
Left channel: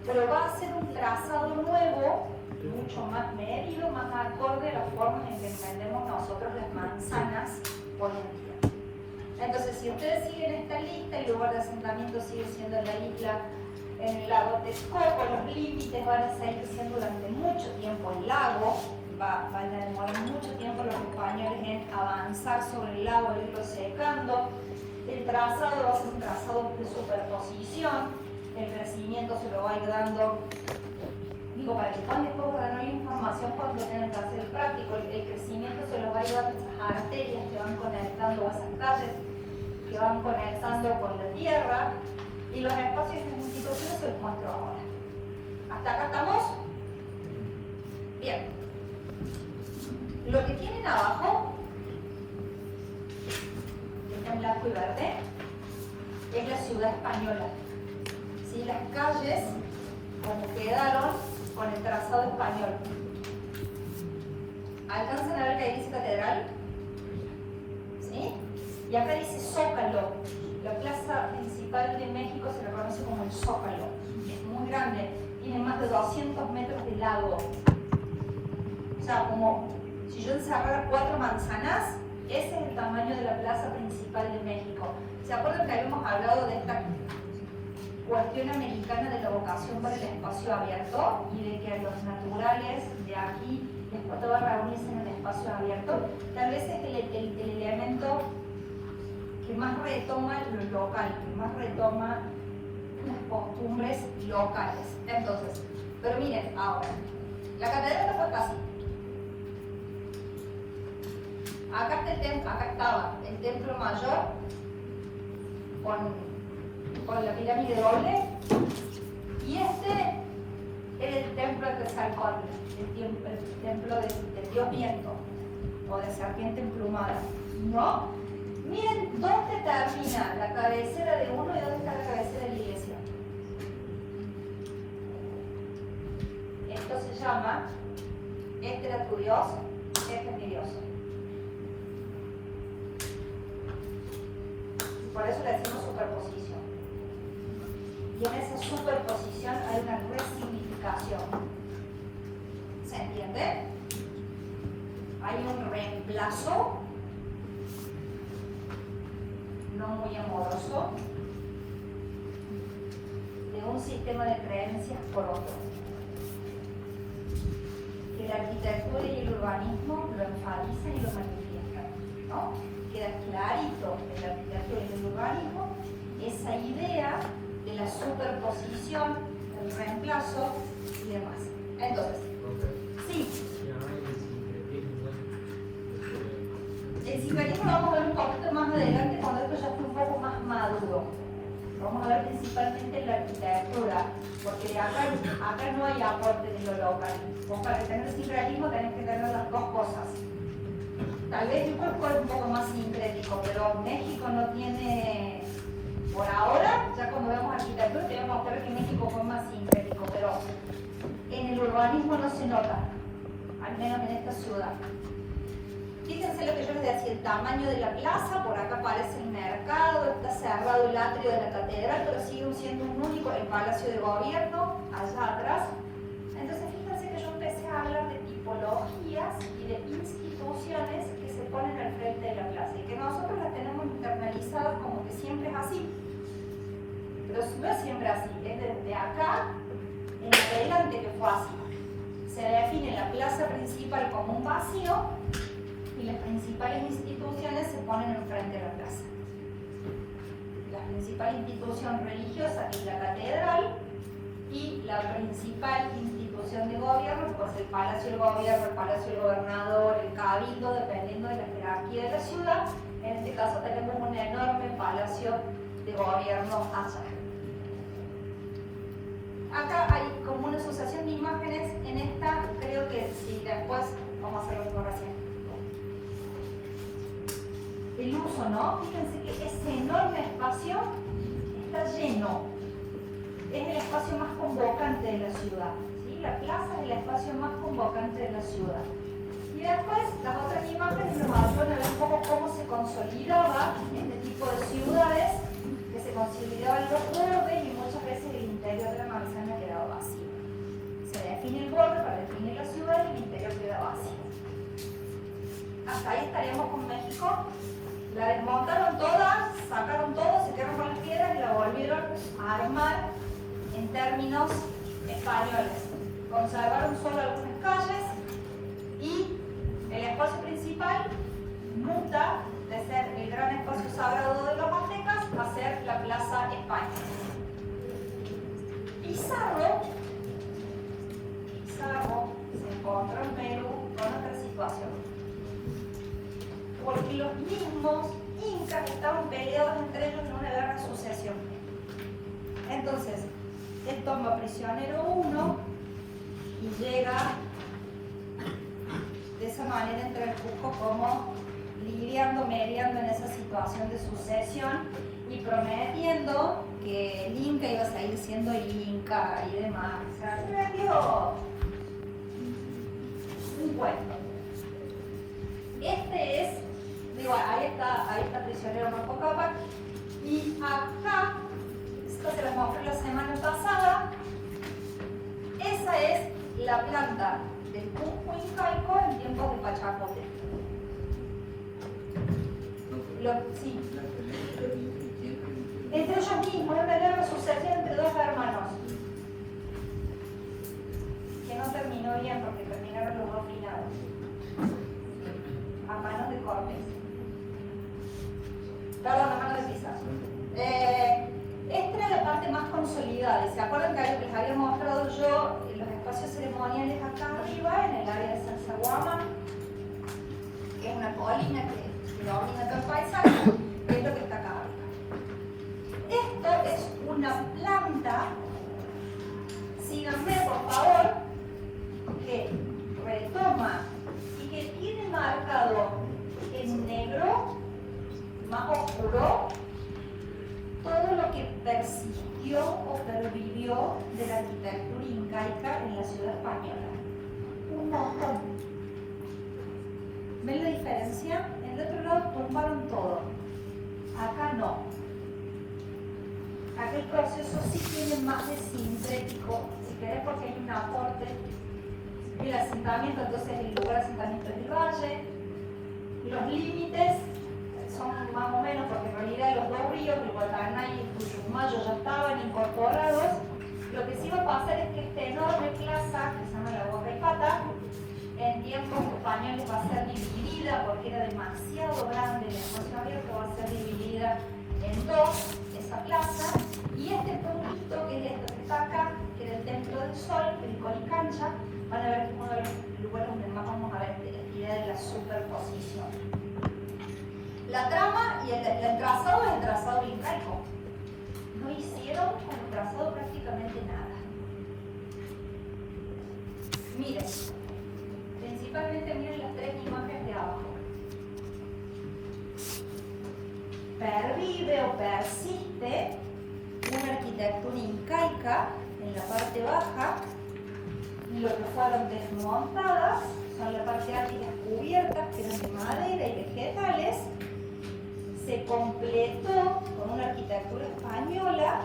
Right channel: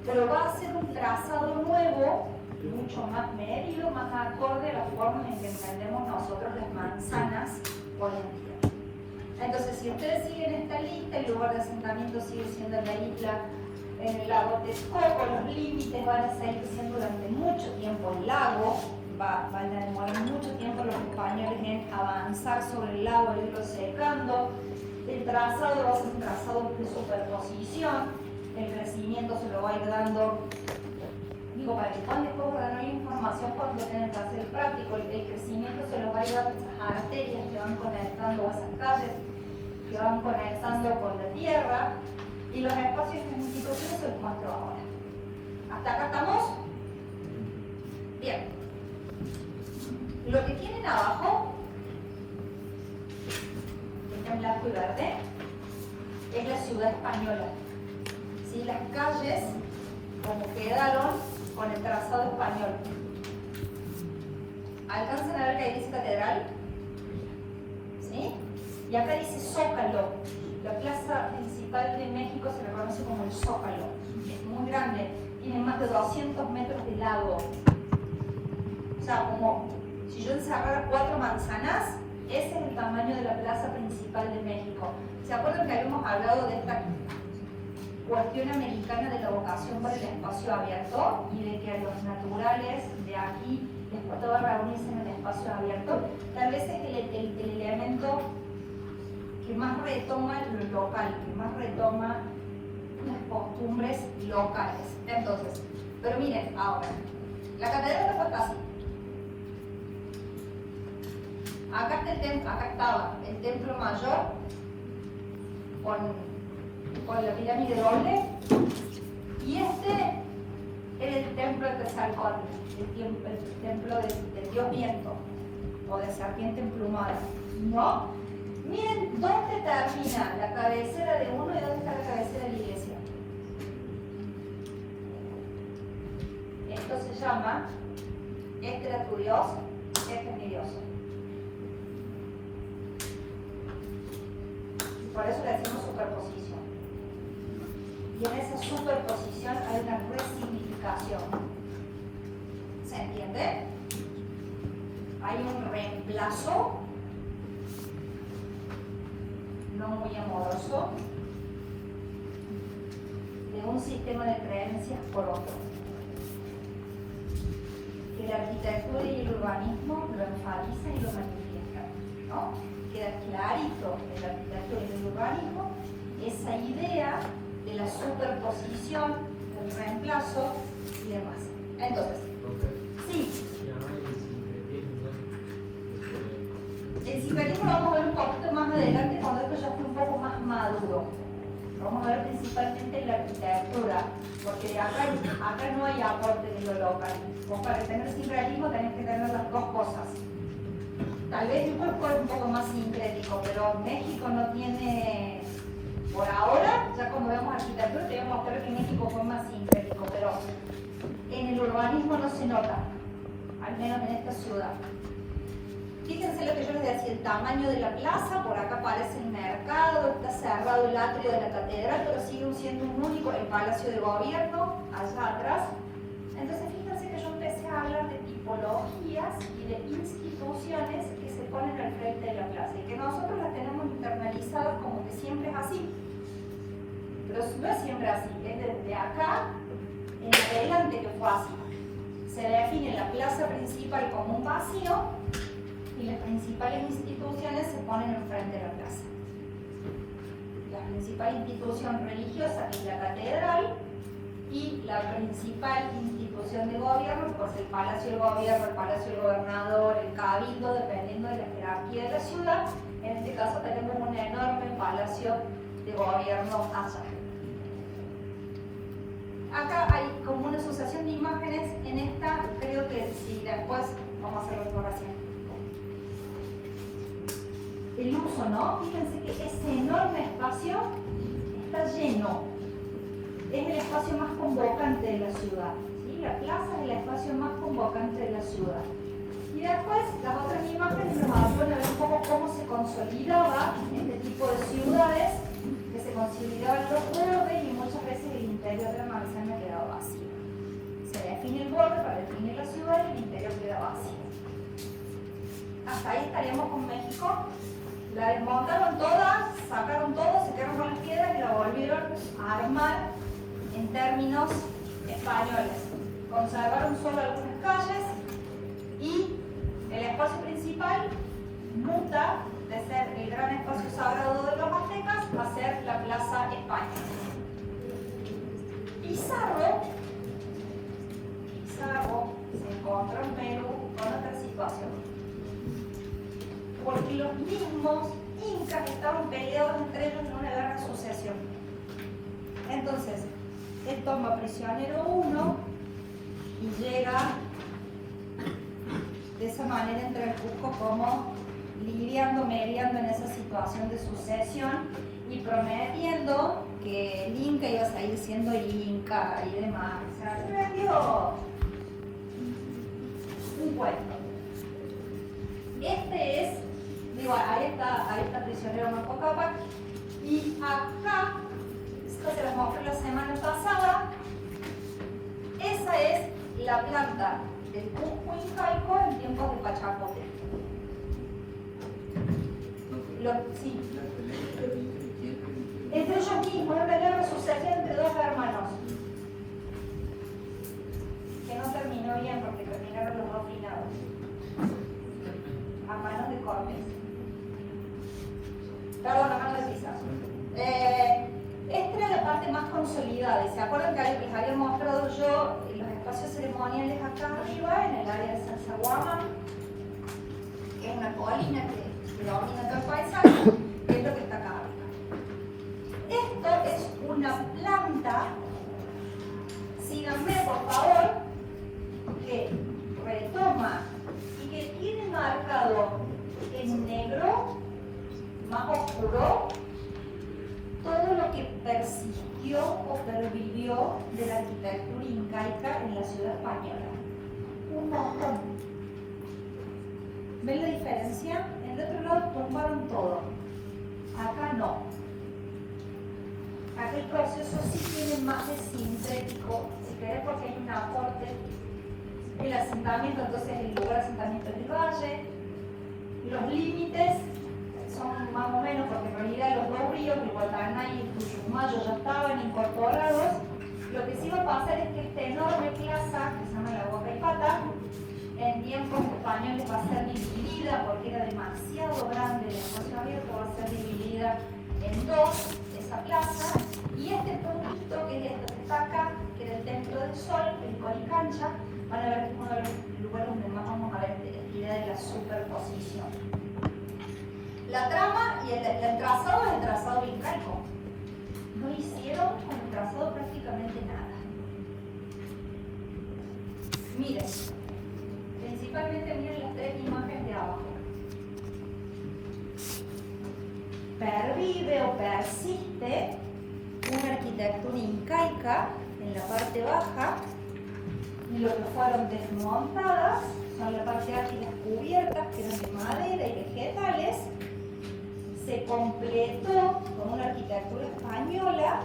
pero va a hacer un trazado nuevo, mucho más medido, más acorde a la forma en que entendemos nosotros las manzanas hoy en día. Entonces, si ustedes siguen esta lista, el lugar de asentamiento sigue siendo la isla en el lago Texcoco, los límites van a seguir siendo durante mucho tiempo el lago, van a demorar mucho tiempo los españoles en avanzar sobre el lago, irlo secando. El trazado va a ser un trazado de superposición, el crecimiento se lo va a ir dando, digo, para que puedan después ganar información por tener que hacer práctico, el crecimiento se lo va a ir dando esas arterias que van conectando a esas calles, que van conectando con la tierra, y los espacios de instituciones se los muestro ahora. ¿Hasta acá estamos? Bien. Lo que tienen abajo, este blanco y verde, es la ciudad española. ¿Sí? Las calles, como quedaron con el trazado español. ¿Alcanzan a ver que ahí dice catedral? ¿Sí? Y acá dice Zócalo. La plaza principal de México se le conoce como el Zócalo. Es muy grande, tiene más de 200 metros de largo. O sea, como si yo encerrara 4 manzanas, ese es el tamaño de la plaza principal de México. ¿Se acuerdan que habíamos hablado de esta cuestión americana de la vocación para el espacio abierto y de que los naturales de aquí, todas reunirse en el espacio abierto, tal vez es el elemento que más retoma lo local, que más retoma las costumbres locales. Entonces, pero miren, ahora, la catedral fue casi. Acá está el templo, acá estaba el templo mayor con la pirámide doble, y este es el templo de Quetzalcóatl, el templo del dios viento o de serpiente emplumada. ¿No? Miren dónde termina la cabecera de uno y dónde está la cabecera de la iglesia. Esto se llama, este era tu Dios, este es mi Dios. Por eso le decimos superposición. Y en esa superposición hay una resignificación. ¿Se entiende? Hay un reemplazo no muy amoroso de un sistema de creencias por otro. Que la arquitectura y el urbanismo lo enfatiza y lo manifiesta, ¿no? Queda clarito en la arquitectura y el urbanismo esa idea de la superposición, del reemplazo y demás. Entonces, sí. El sincretismo lo vamos a ver un poquito más adelante cuando esto ya fue un poco más maduro. Vamos a ver principalmente la arquitectura, porque acá no hay aporte de lo local. Vos para tener sincretismo tenés que tener las dos cosas. Tal vez México fue un poco más sincrético, pero México no tiene, por ahora, ya cuando vemos arquitectura, tenemos que ver que México fue más sincrético, pero en el urbanismo no se nota, al menos en esta ciudad. Fíjense lo que yo les decía, el tamaño de la plaza, por acá aparece el mercado, está cerrado el atrio de la catedral, pero sigue siendo un único, el palacio de gobierno, allá atrás. Entonces fíjense que yo empecé a hablar de tipologías y de instituciones que se ponen al frente de la plaza y que nosotros las tenemos internalizadas como que siempre es así. Pero no es siempre así, es desde acá en adelante que fue así. Se define la plaza principal como un vacío y las principales instituciones se ponen al frente de la plaza. La principal institución religiosa es la catedral y la principal institución de gobierno, pues el Palacio del Gobierno, el Palacio del Gobernador, el Cabildo, dependiendo de la jerarquía de la ciudad. En este caso tenemos un enorme Palacio de Gobierno allá. Acá hay como una asociación de imágenes en esta, creo que sí, después vamos a hacer una oración. El uso, ¿no? Fíjense que ese enorme espacio está lleno. Es el espacio más convocante de la ciudad. ¿Sí? La plaza es el espacio más convocante de la ciudad. Y después, las otras imágenes nos van a ver un poco cómo se consolidaba este tipo de ciudades, que se consolidaban los bordes y muchas veces el interior de la manzana quedaba vacío. Se define el borde para definir la ciudad y el interior queda vacío. Hasta ahí estaremos con México. La desmontaron toda, sacaron todo, se quedaron con las piedras y la volvieron a armar en términos españoles. Conservaron solo algunas calles y el espacio principal muta de ser el gran espacio sagrado de los aztecas a ser la Plaza España. Pizarro se encontró en Perú con otra situación. Porque los mismos incas estaban peleados entre ellos en una guerra de asociación. Entonces, él toma prisionero uno y llega de esa manera entre el Cusco como mediando en esa situación de sucesión y prometiendo que el Inca iba a seguir siendo Inca y demás. O sea, se vendió un cuento. Este es, digo, ahí está prisionero Marco Cápac, y acá, esto se lo mostré la semana pasada, esa es la planta del Cusco incaico en tiempos de Pachapote. Sí. Entre ellos mismos, es una guerra asociativa entre dos acuerdan que les había mostrado yo los espacios ceremoniales acá arriba, en el área de Sacsayhuaman, que es una colina que domina todo el paisaje? Es lo que está acá arriba. Esto es una planta, síganme por favor, que retoma y que tiene marcado en negro, más oscuro, todo lo que persistió o pervivió de la arquitectura incaica en la ciudad española. Un montón. ¿Ven la diferencia? En el otro lado tumbaron todo. Acá no. Acá el proceso sí tiene más de sintético, si querés, porque hay un aporte del asentamiento, entonces el lugar de asentamiento del valle. Los límites son más o menos, porque en realidad los dos ríos, el Guataná y el Putumayo, ya estaban incorporados. Lo que sí va a pasar es que esta enorme plaza, que se llama la Boca y Pata, en tiempos españoles va a ser dividida, porque era demasiado grande el espacio abierto, va a ser dividida en dos, esa plaza, y este puntito, que es esto que está acá, que era el Templo del Sol, el Colicancha, van a ver uno de los lugares donde más vamos a ver esta idea de la superposición. La trama y el trazado es el trazado incaico. No hicieron con el trazado prácticamente nada. Miren, principalmente miren las tres imágenes de abajo. Pervive o persiste una arquitectura incaica en la parte baja, y lo que fueron desmontadas son la parte alta y las cubiertas, que eran de madera y vegetales. Se completó con una arquitectura española.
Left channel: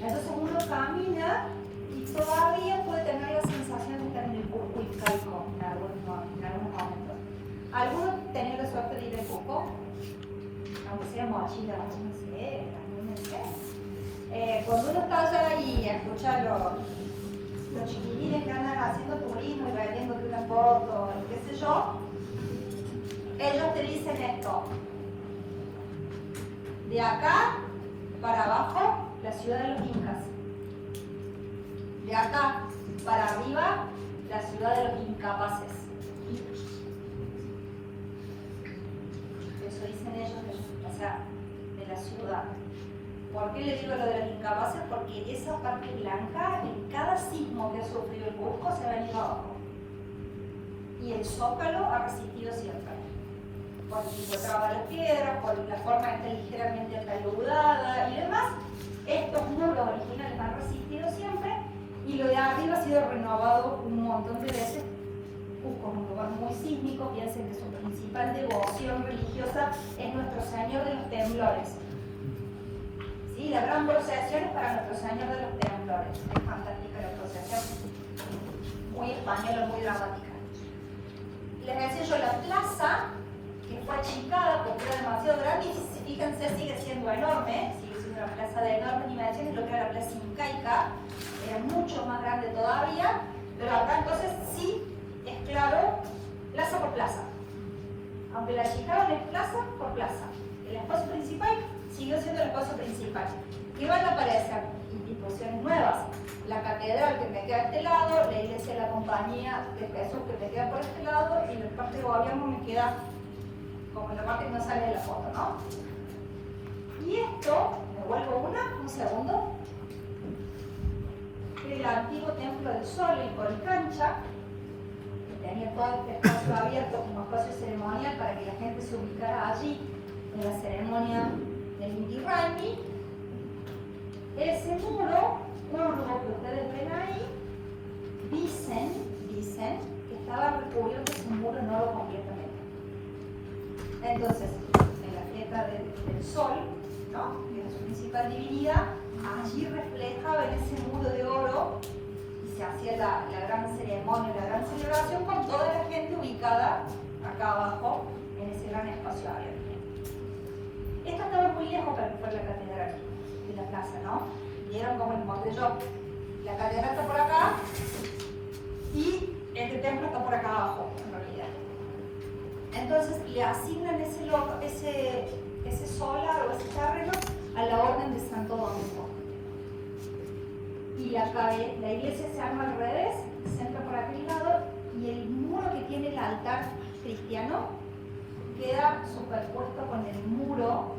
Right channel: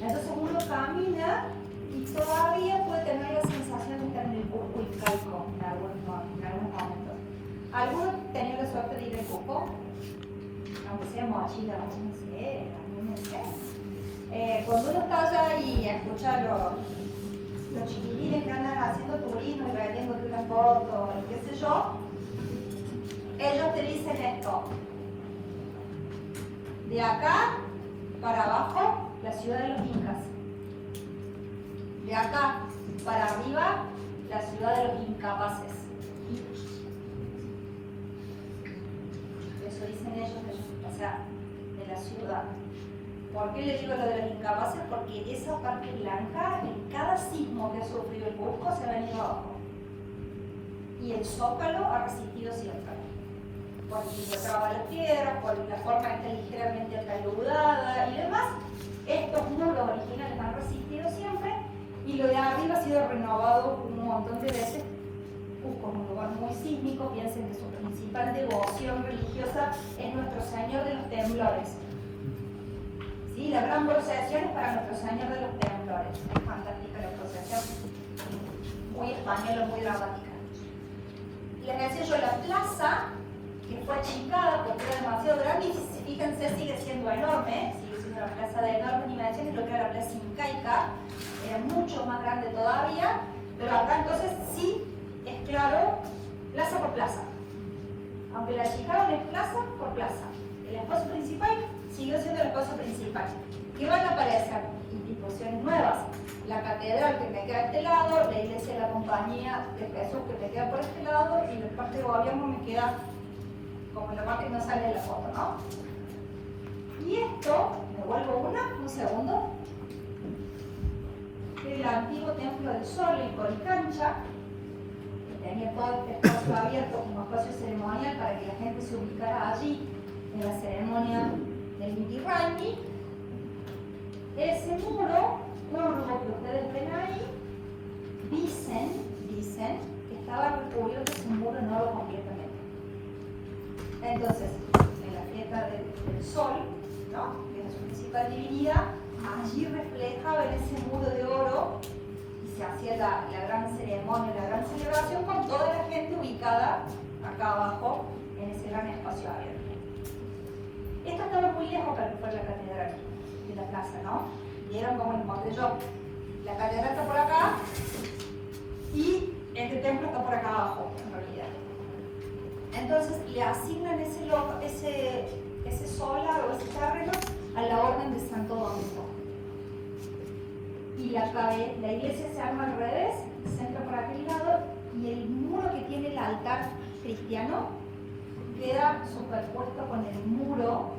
Entonces uno camina y todavía puede tener la sensación de estar en el Cusco incaico en algunos momentos. ¿Alguno tenía la suerte de ir al Cusco? Aunque sea mochila, no sé, no sé. Cuando uno está allá y escucha los chiquilines que andan haciendo turismo y vendiéndote una foto, qué sé yo, ellos te dicen esto. De acá para abajo, la ciudad de los incas. De acá para arriba, la ciudad de los incapaces. Eso dicen ellos, o sea, de la ciudad. ¿Por qué les digo lo de los incapaces? Porque esa parte blanca, en cada sismo que ha sufrido el Cusco, se va a ir abajo. Y el zócalo ha resistido siempre. Porque se encontraban las piedras, por la forma que está ligeramente taludada y demás. Estos muros originales han resistido siempre, y lo de arriba ha sido renovado un montón de veces. Cusco es un lugar muy sísmico, piensen que su principal devoción religiosa es Nuestro Señor de los Temblores. ¿Sí? La gran procesión es para Nuestro Señor de los Temblores. Es fantástica la procesión, muy española, muy dramática. Les decía yo, la plaza, que fue achicada porque era demasiado grande, y fíjense, sigue siendo enorme, sigue siendo una plaza de enormes dimensiones, lo que era la plaza incaica, era mucho más grande todavía, pero acá entonces sí es claro, plaza por plaza. Aunque la achicaron, es plaza por plaza. El espacio principal siguió siendo el espacio principal. Y van a aparecer instituciones nuevas. La catedral que me queda a este lado, la iglesia de la Compañía de Jesús que me queda por este lado, y la parte de gobierno me queda como la parte que no sale en la foto, ¿no? Y esto, me vuelvo un segundo, que el antiguo Templo del Sol, el Colicancha, que tenía todo este espacio abierto como espacio ceremonial para que la gente se ubicara allí en la ceremonia del Inti Raymi. Ese muro, uno de los que ustedes ven ahí, dicen que estaba recubierto ese muro, no lo completamente. Entonces, en la fiesta del Sol, ¿no?, que es su principal divinidad, allí reflejaba en ese muro de oro, se hacía la gran ceremonia, la gran celebración con toda la gente ubicada acá abajo en ese gran espacio abierto. Esto estaba muy lejos para que fuera la catedral de la plaza, ¿no? Y era como les mostré yo, la catedral está por acá y este templo está por acá abajo, en realidad. Entonces le asignan ese solar o ese terreno a la orden de Santo Domingo. la iglesia se arma al revés, se entra por aquel lado y el muro que tiene el altar cristiano queda superpuesto con el muro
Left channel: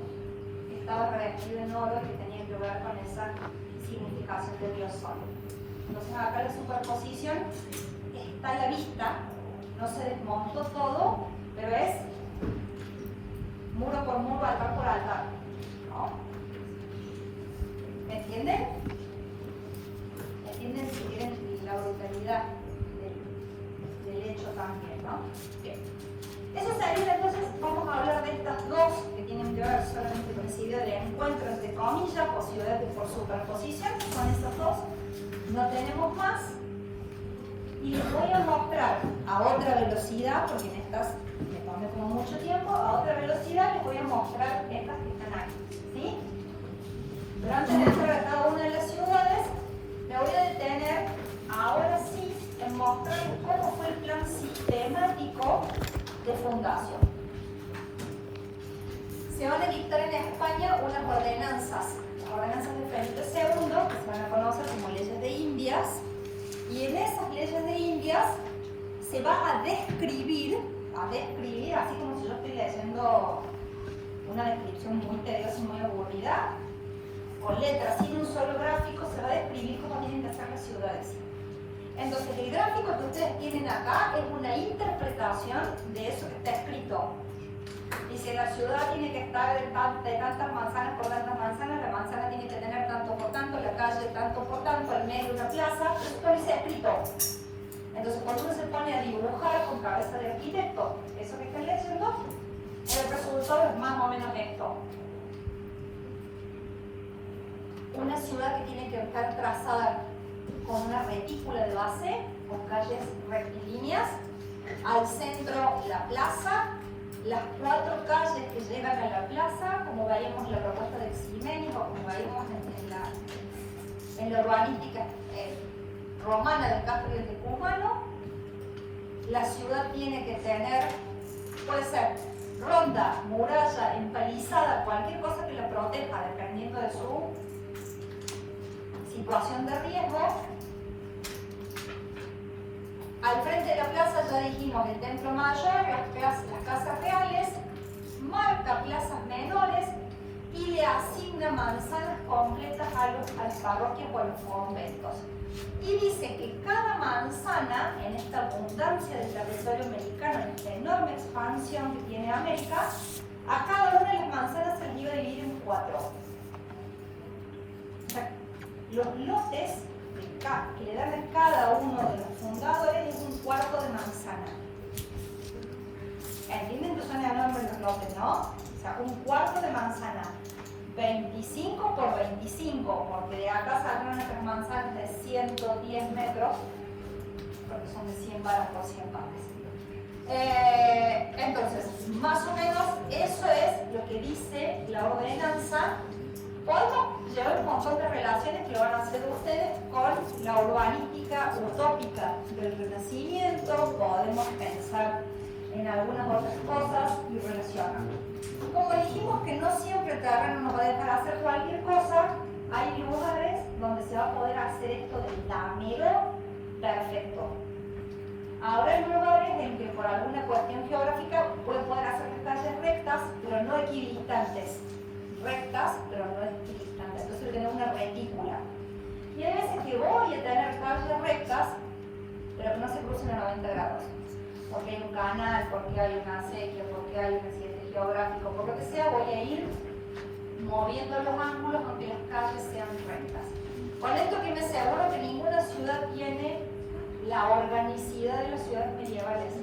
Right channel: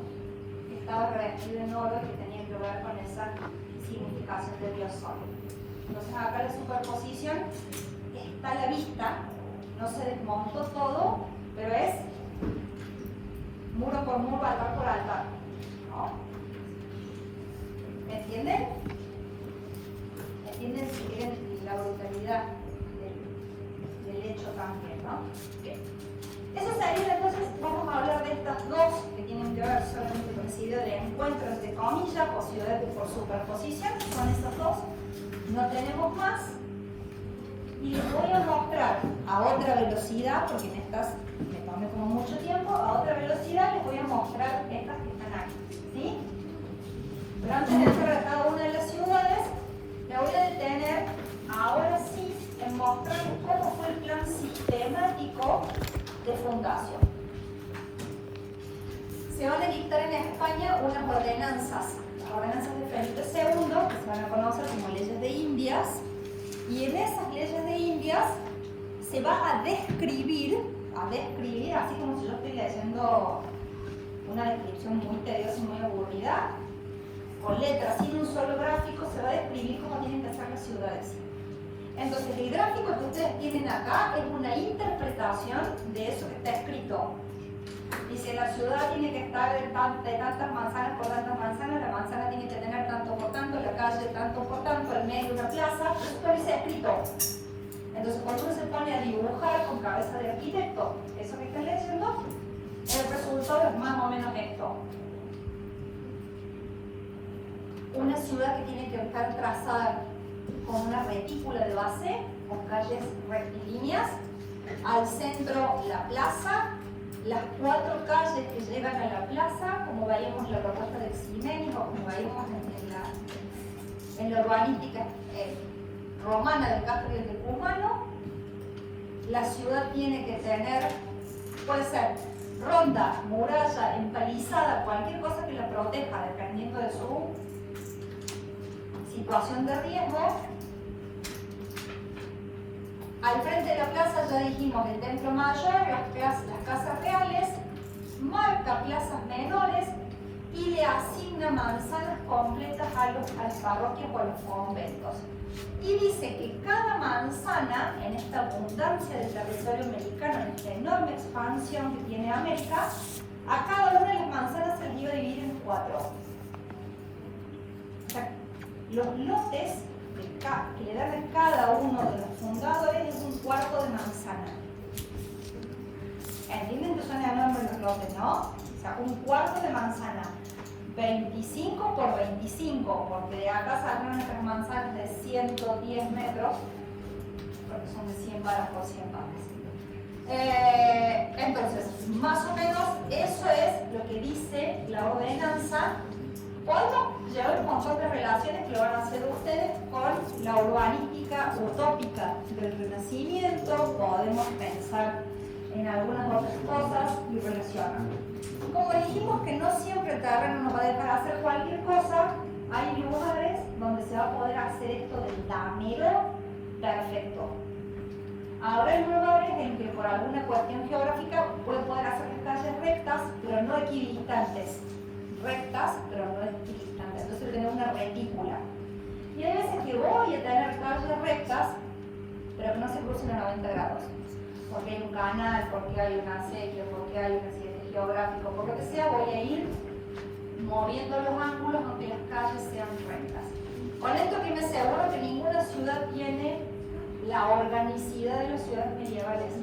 que estaba revestido en oro, que tenía que ver con esa significación de Dios solo. Entonces acá la superposición está a la vista, no se desmontó todo, pero es muro por muro, altar por altar, ¿no? ¿Me entienden? ¿Entienden si quieren la brutalidad del hecho también, ¿no? Bien. Eso sería, entonces, vamos a hablar de estas dos que tienen que ver solamente con el sentido de encuentro entre comillas, posibilidad por superposición, son estas dos, no tenemos más. Y les voy a mostrar a otra velocidad, porque en estas me tomé como mucho tiempo, a otra velocidad les voy a mostrar estas que están aquí, ¿sí? Pero antes de entrar a cada una de las ciudades, me voy a detener ahora sí en mostrar cómo fue el plan sistemático de fundación. Se van a dictar en España unas ordenanzas de Felipe II, que se van a conocer como leyes de Indias, y en esas leyes de Indias se va a describir, así como si yo estoy leyendo una descripción muy tediosa y muy aburrida, con letras, sin un solo gráfico, se va a describir cómo tienen que ser las ciudades. Entonces, el gráfico que ustedes tienen acá es una interpretación de eso que está escrito. Dice, la ciudad tiene que estar de tantas manzanas por tantas manzanas, la manzana tiene que tener tanto por tanto, la calle tanto por tanto, el medio una plaza, eso todo dice escrito. Entonces, cuando uno se pone a dibujar con cabeza de arquitecto, eso que están leyendo, el resultado es más o menos esto. Una ciudad que tiene que estar trazada con una retícula de base, con calles rectilíneas, al centro la plaza, las 4 calles que llegan a la plaza, como veíamos en la propuesta de Ximenes o como veíamos en la urbanística romana del Castro y el Tucumano. La ciudad tiene que tener, puede ser ronda, muralla, empalizada, cualquier cosa que la proteja dependiendo de su situación de riesgo. Al frente de la plaza ya dijimos el templo mayor, las casas reales, marca plazas menores y le asigna manzanas completas a las parroquias o a los conventos. Y dice que cada manzana, en esta abundancia del territorio americano, en esta enorme expansión que tiene América, a cada una de las manzanas se les iba a dividir en 4. O sea, los lotes que le dan a cada uno de los fundadores es un cuarto de manzana. ¿Entienden que son enormes los lotes, no? O sea, un cuarto de manzana. 25 por 25, porque de acá saldrán nuestras manzanas de 110 metros, porque son de 100 varas por 100 varas. Entonces, más o menos eso es lo que dice la ordenanza. Podemos llevar un montón de relaciones que lo van a hacer ustedes con la urbanística utópica del Renacimiento, podemos pensar en algunas otras cosas y relacionar. Como dijimos que no siempre el terreno nos va a dejar hacer cualquier cosa, hay lugares donde se va a poder hacer esto del damero perfecto. Ahora hay lugares en que por alguna cuestión geográfica puede poder hacer calles rectas, pero no equidistantes. Rectas, pero no equidistantes. Entonces voy a tener una retícula. Y hay veces que voy a tener calles rectas, pero que no se crucen a 90 grados. Porque hay un canal, porque hay una acequia, porque hay un accidente geográfico, por lo que sea, voy a ir moviendo los ángulos aunque las calles sean rectas. Con esto que me aseguro que ninguna ciudad tiene la organicidad de las ciudades medievales,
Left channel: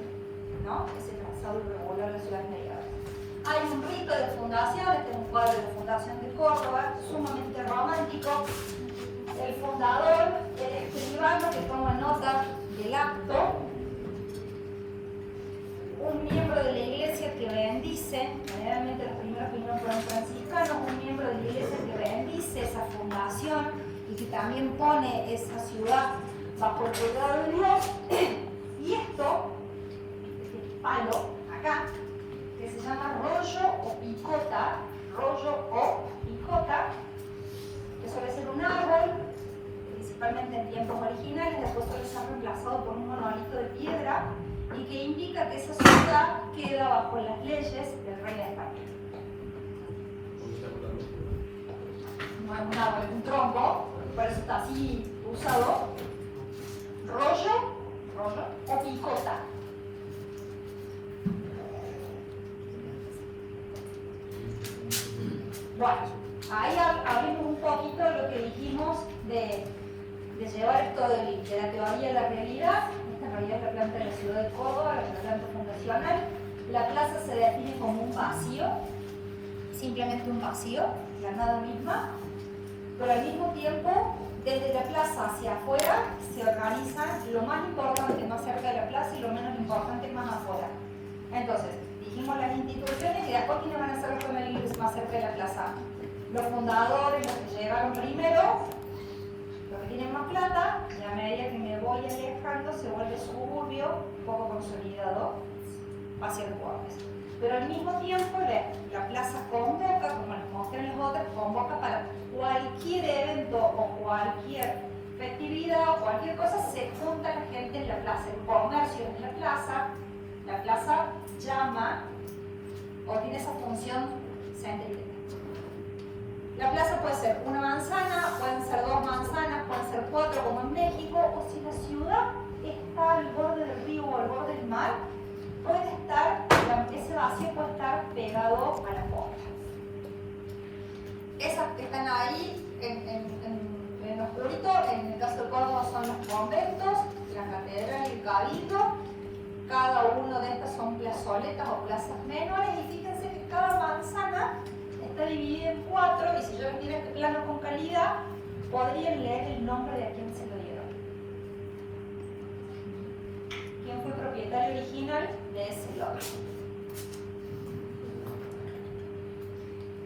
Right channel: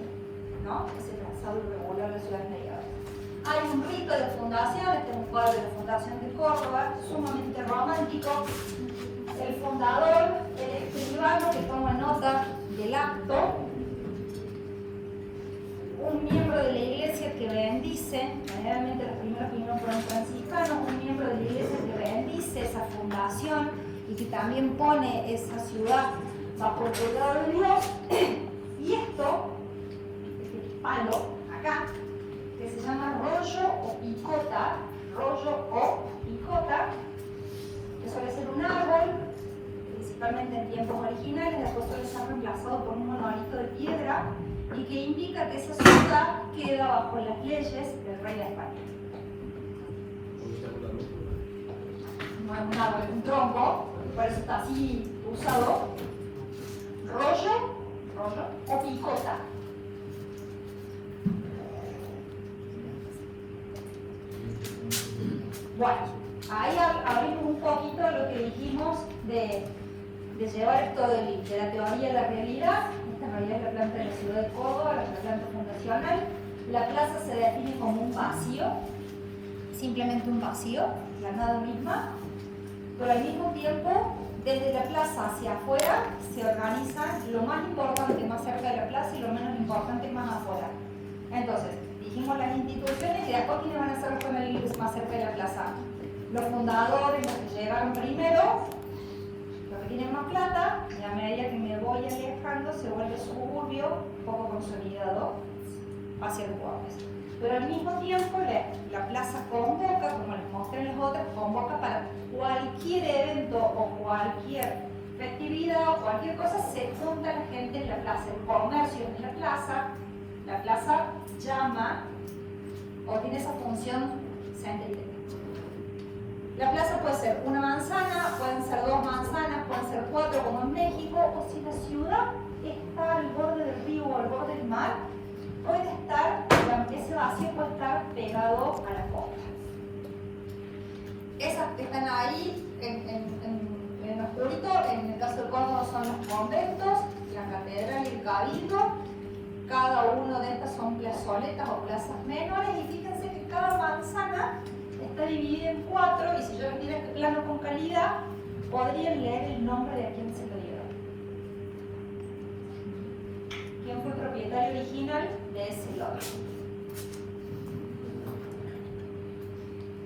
¿no? Ese trazado irregular de ciudades medievales. Hay un rito de fundación, este es un cuadro de fundación de Córdoba, sumamente romántico. El fundador, el escribano que toma nota del acto, un miembro de la iglesia que bendice, generalmente los primeros vinieron fueron franciscanos, un miembro de la iglesia que bendice esa fundación y que también pone esa ciudad bajo el cuidado de Dios. Y esto, este palo acá, que se llama rollo o picota, que suele ser un árbol, principalmente en tiempos originales, después solo se han reemplazado por un monolito de piedra y que indica que esa ciudad queda bajo las leyes del rey de España. Un tronco, por eso está así usado, rollo o picota. Bueno, ahí abrimos un poquito lo que dijimos de llevar esto de la teoría a la realidad. Esta en realidad es la planta de la ciudad de Córdoba, la planta fundacional. La plaza se define como un vacío, simplemente un vacío, la nada misma, pero al mismo tiempo, desde la plaza hacia afuera, se organizan lo más importante más cerca de la plaza y lo menos importante más afuera. Entonces, dijimos las instituciones y después quiénes van a ser los primeros más cerca de la plaza. Los fundadores, los que llegaron primero, los que tienen más plata, y a medida que me voy alejando se vuelve suburbio, poco consolidado, hacia los bordes. Pero al mismo tiempo la plaza convoca, como les mostré en las otras, convoca para cualquier evento o cualquier festividad o cualquier cosa, se junta la gente en la plaza, el comercio en la plaza llama o tiene esa función céntrica. La plaza puede ser una manzana, pueden ser 2 manzanas, pueden ser 4 como en México, o si la ciudad está al borde del río o al borde del mar, puede estar, ese vacío puede estar pegado a la costa. Esas que están ahí en oscurito, en el caso de Córdoba son los conventos, la catedral y el cabildo. Cada uno de estas son plazoletas o plazas menores, y fíjense que cada manzana está dividida en 4, y si yo tuviera este plano con calidad, podrían leer el nombre de a quién se lo dieron. ¿Quién fue el propietario original de ese lote?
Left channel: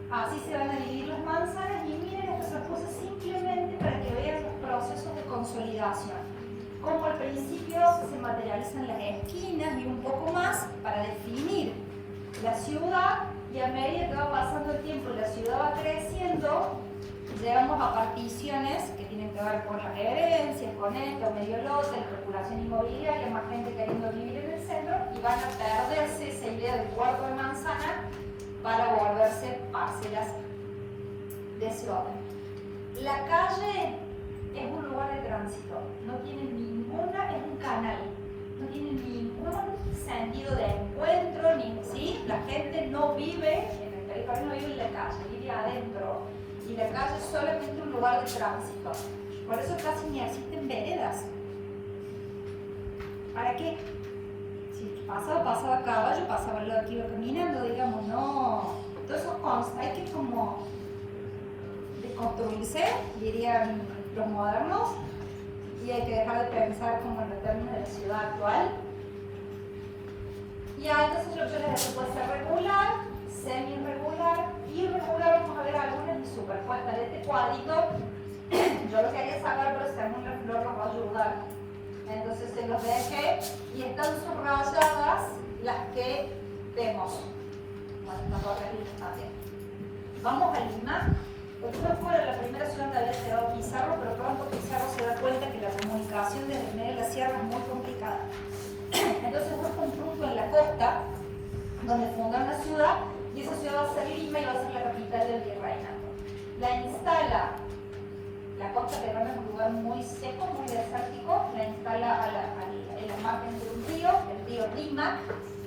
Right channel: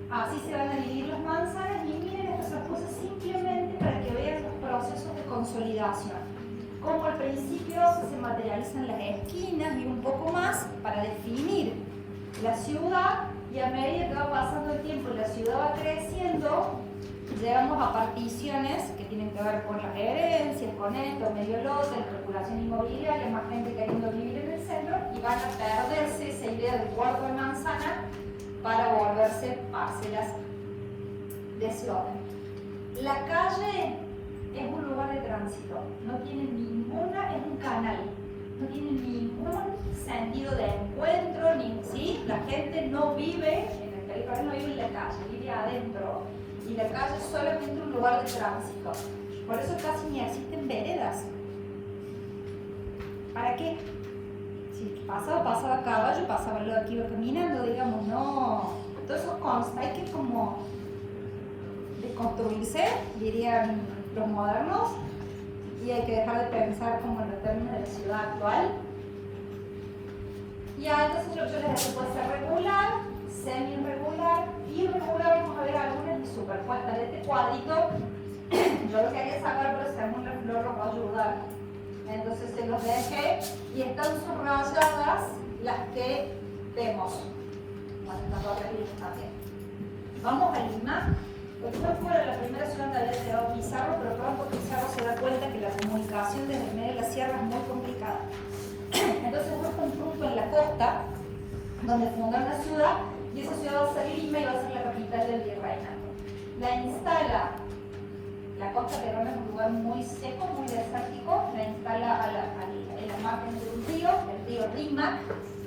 Así se van a dividir las manzanas, y miren, estas son cosas simplemente para que vean los procesos de consolidación. Como al principio se materializan las esquinas y un poco más para definir la ciudad, y a medida que va pasando el tiempo y la ciudad va creciendo, llegamos a particiones que tienen que ver con las herencias, con esto, medio lote, la especulación inmobiliaria, más gente queriendo vivir en el centro, y van a perderse esa idea del cuarto de manzana para volverse parcelas de ese orden. La calle es un lugar de tránsito, no tiene ninguna, es un canal, no tiene ningún sentido de encuentro, ¿sí? La gente no vive en el territorio, no vive en la calle, vive adentro, y la calle es solamente un lugar de tránsito. Por eso casi ni existen veredas. ¿Para qué? Si pasaba a caballo, pasaba lo que iba caminando, digamos, no. Entonces hay que como deconstruirse, dirían los modernos, y hay que dejar de pensar como en los términos de la ciudad actual. Y entonces yo les puede ser regular, semi-irregular, irregular. Vamos a ver algunas de superpuestas de este cuadrito. Yo lo quería sacar, pero según el flor los va a ayudar. Entonces se los dejé y están subrayadas las que vemos. Bueno, estas otras líneas también. Vamos a Lima. Después fuera la primera ciudad donde había llegado Pizarro, pero pronto Pizarro se da cuenta que la comunicación desde el medio de la sierra es muy complicada. Entonces busca un punto en la costa donde funda una ciudad, y esa ciudad va a ser Lima y va a ser la capital del virreinato. La instala, la costa de Roma es un lugar muy seco, muy desértico, la instala en la margen de un río, el río Rímac,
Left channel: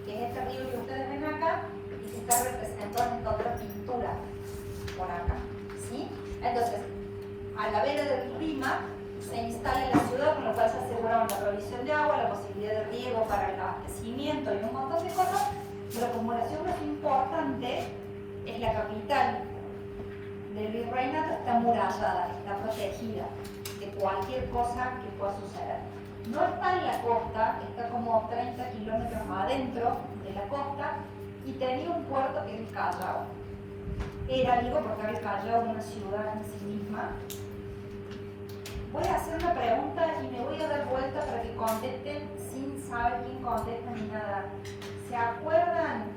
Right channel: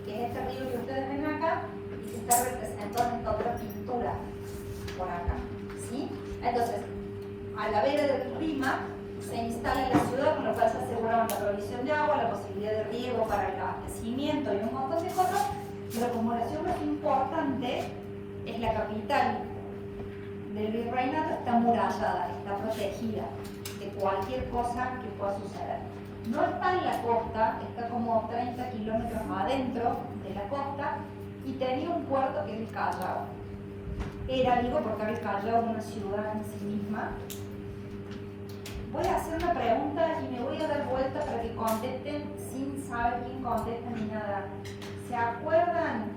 que es este río que ustedes ven acá, y que está representado en esta otra pintura por acá. ¿Sí? Entonces, a la vera del Rímac se instala en la ciudad, con lo cual se asegura la provisión de agua, la posibilidad de riego para el abastecimiento y un montón de cosas. La acumulación más importante es la capital del virreinato, está amurallada, está protegida de cualquier cosa que pueda suceder. No está en la costa, está como 30 kilómetros adentro de la costa, y tenía un puerto que es el Callao. Era, digo, porque el Callao es una ciudad en sí misma. Voy a hacer una pregunta y me voy a dar vuelta para que contesten sin saber quién contesta ni nada. ¿Se acuerdan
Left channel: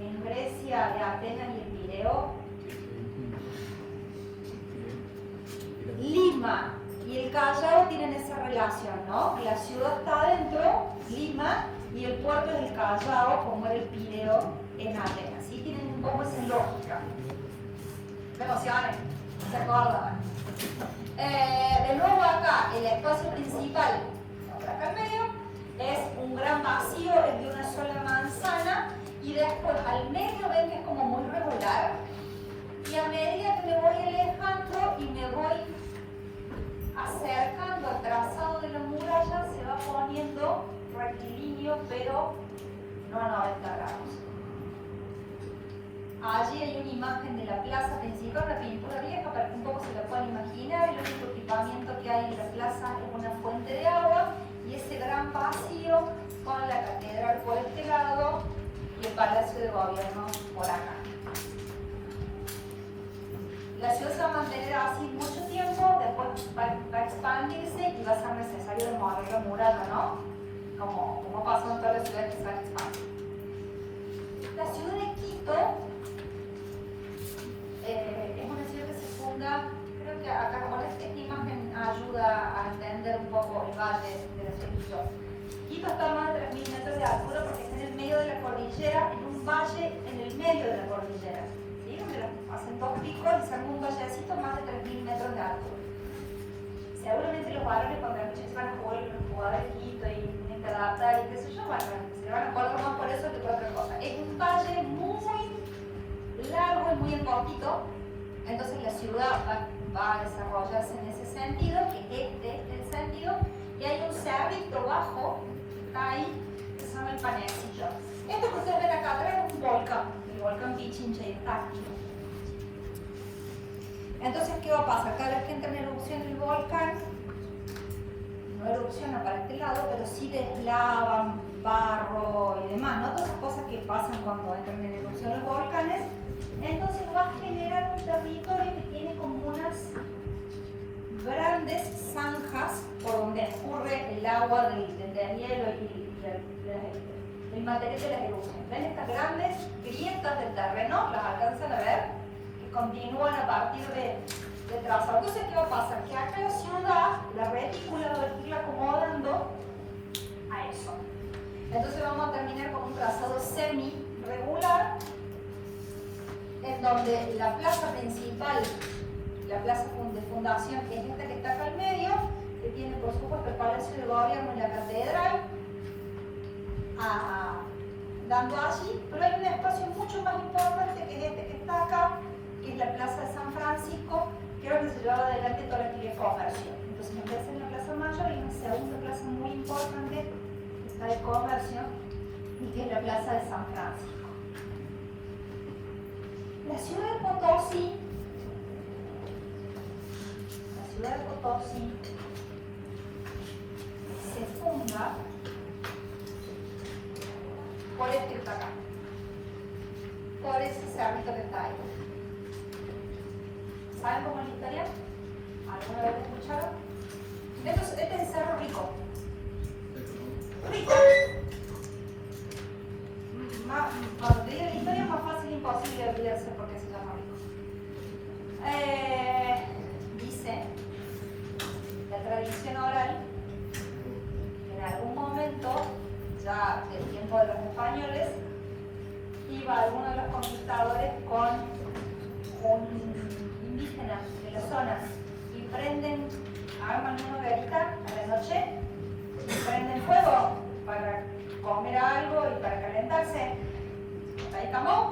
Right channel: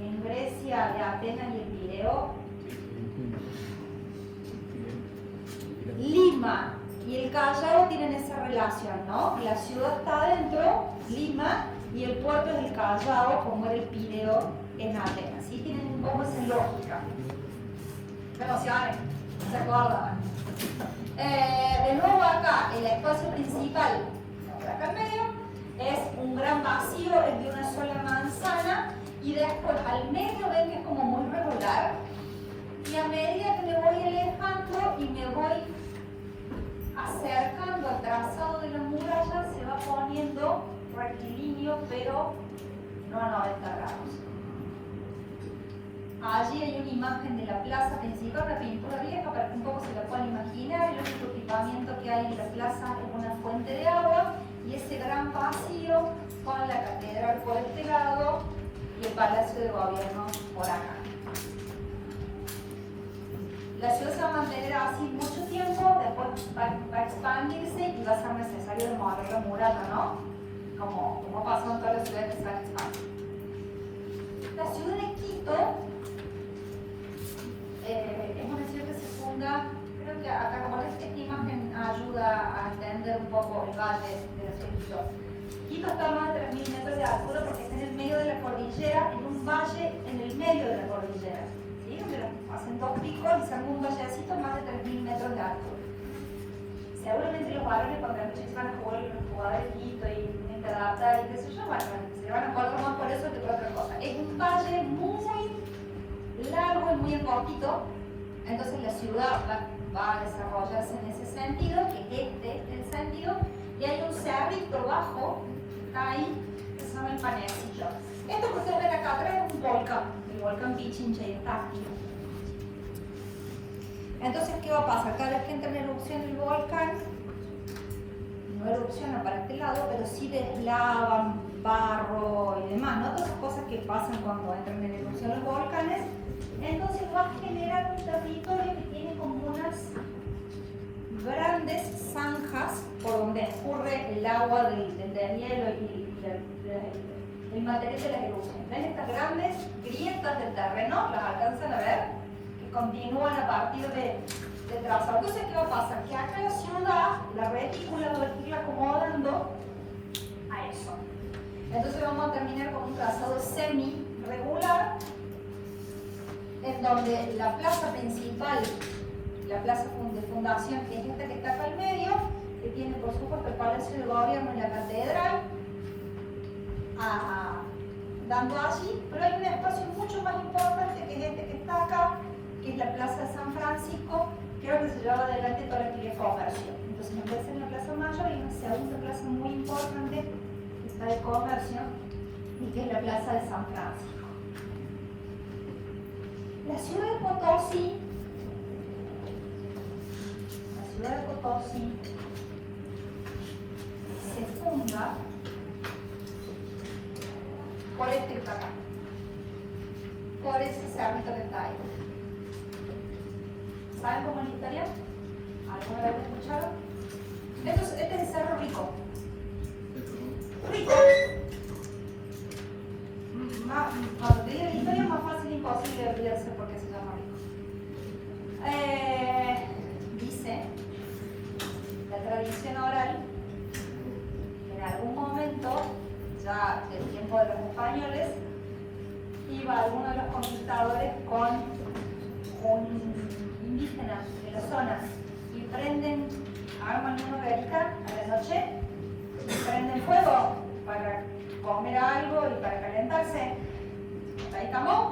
en Grecia de Atenas y el Pireo? Lima y el Callao relación, ¿no? La ciudad está adentro, Lima, y el puerto es el Callao, como era el Pireo en Atenas. ¿Sí? Tienen un poco esa lógica. ¿Se emocionan? ¿Se acuerdan? De nuevo acá, el espacio principal, acá en medio, es un gran vacío, es de una sola manzana, y después al medio ven que es como muy regular, y a medida que me voy alejando y me voy acercando al trazado de la muralla, se va poniendo rectilíneo, pero no a 90 grados. Allí hay una imagen de la plaza principal, la pintura vieja, para que un poco se lo puedan imaginar. El único equipamiento que hay en la plaza es una fuente de agua, y ese gran vacío con la catedral por este lado y el palacio de gobierno por acá. La ciudad se va a mantener así mucho tiempo, después va a expandirse y va a ser necesario remover la muralla, ¿no? Como pasa en todas las ciudades que se van a expandir. La ciudad de Quito es una ciudad que se funda, creo que acá con esta imagen ayuda a entender un poco el valle de la ciudad de Quito. Quito está a más de 3.000 metros de altura porque está en el medio de la cordillera, en un valle en el medio de la cordillera. ¿Sí? Hacen dos picos y salen un vallecito más de 3.000 metros de altura. Seguramente los varones cuando se van a jugar de Quito y tienen que adaptar y qué sé yo, bueno, se van a jugar más por eso que por otra cosa. Es un valle muy largo y muy cortito, entonces la ciudad va a desarrollarse en ese sentido, que este es el sentido, y hay un cerrito bajo, está ahí, que se llama el Panecillo. Esto que ustedes ven acá atrás es un volcán, el volcán Pichincha, y está activo. Entonces, ¿qué va a pasar? Cada vez que entra en erupción el volcán, no erupciona para este lado, pero sí deslavan barro y demás, ¿no? Todas las cosas que pasan cuando entran en erupción los volcanes. Entonces va a generar un territorio que tiene como unas grandes zanjas por donde escurre el agua del deshielo y el material de la erupción. ¿Ven estas grandes grietas del terreno? ¿Las alcanzan a ver? Que continúan a partir de trazado. Entonces, ¿qué va a pasar? Que acá la ciudad, la retícula va a ir acomodando a eso. Entonces vamos a terminar con un trazado semi-regular, en donde la plaza principal, la plaza de fundación, que es esta que está acá al medio, que tiene por supuesto el Palacio de Gobierno y la Catedral, dando allí, pero hay un espacio mucho más importante que es este que está acá, que es la Plaza de San Francisco, que es donde se lleva adelante toda la actividad de comercio. Entonces, en vez de la Plaza Mayor, hay una segunda plaza muy importante, que está de comercio, y que es la Plaza de San Francisco. La ciudad de Potosí, se funda por este que está acá, por ese cerrito que está ahí. ¿Saben cómo es la historia? ¿Alguna vez lo escucharon? Este es el Cerro Rico. Rico. Cuando te diga la historia es más fácil imposible de olvidarse porque se llama Rico. Dice la tradición oral que en algún momento, ya del tiempo de los españoles, iba alguno de los conquistadores con un indígena de la zona y prenden, arman una hoguerita a la noche, prenden fuego para comer algo y para calentarse. Ahí estamos.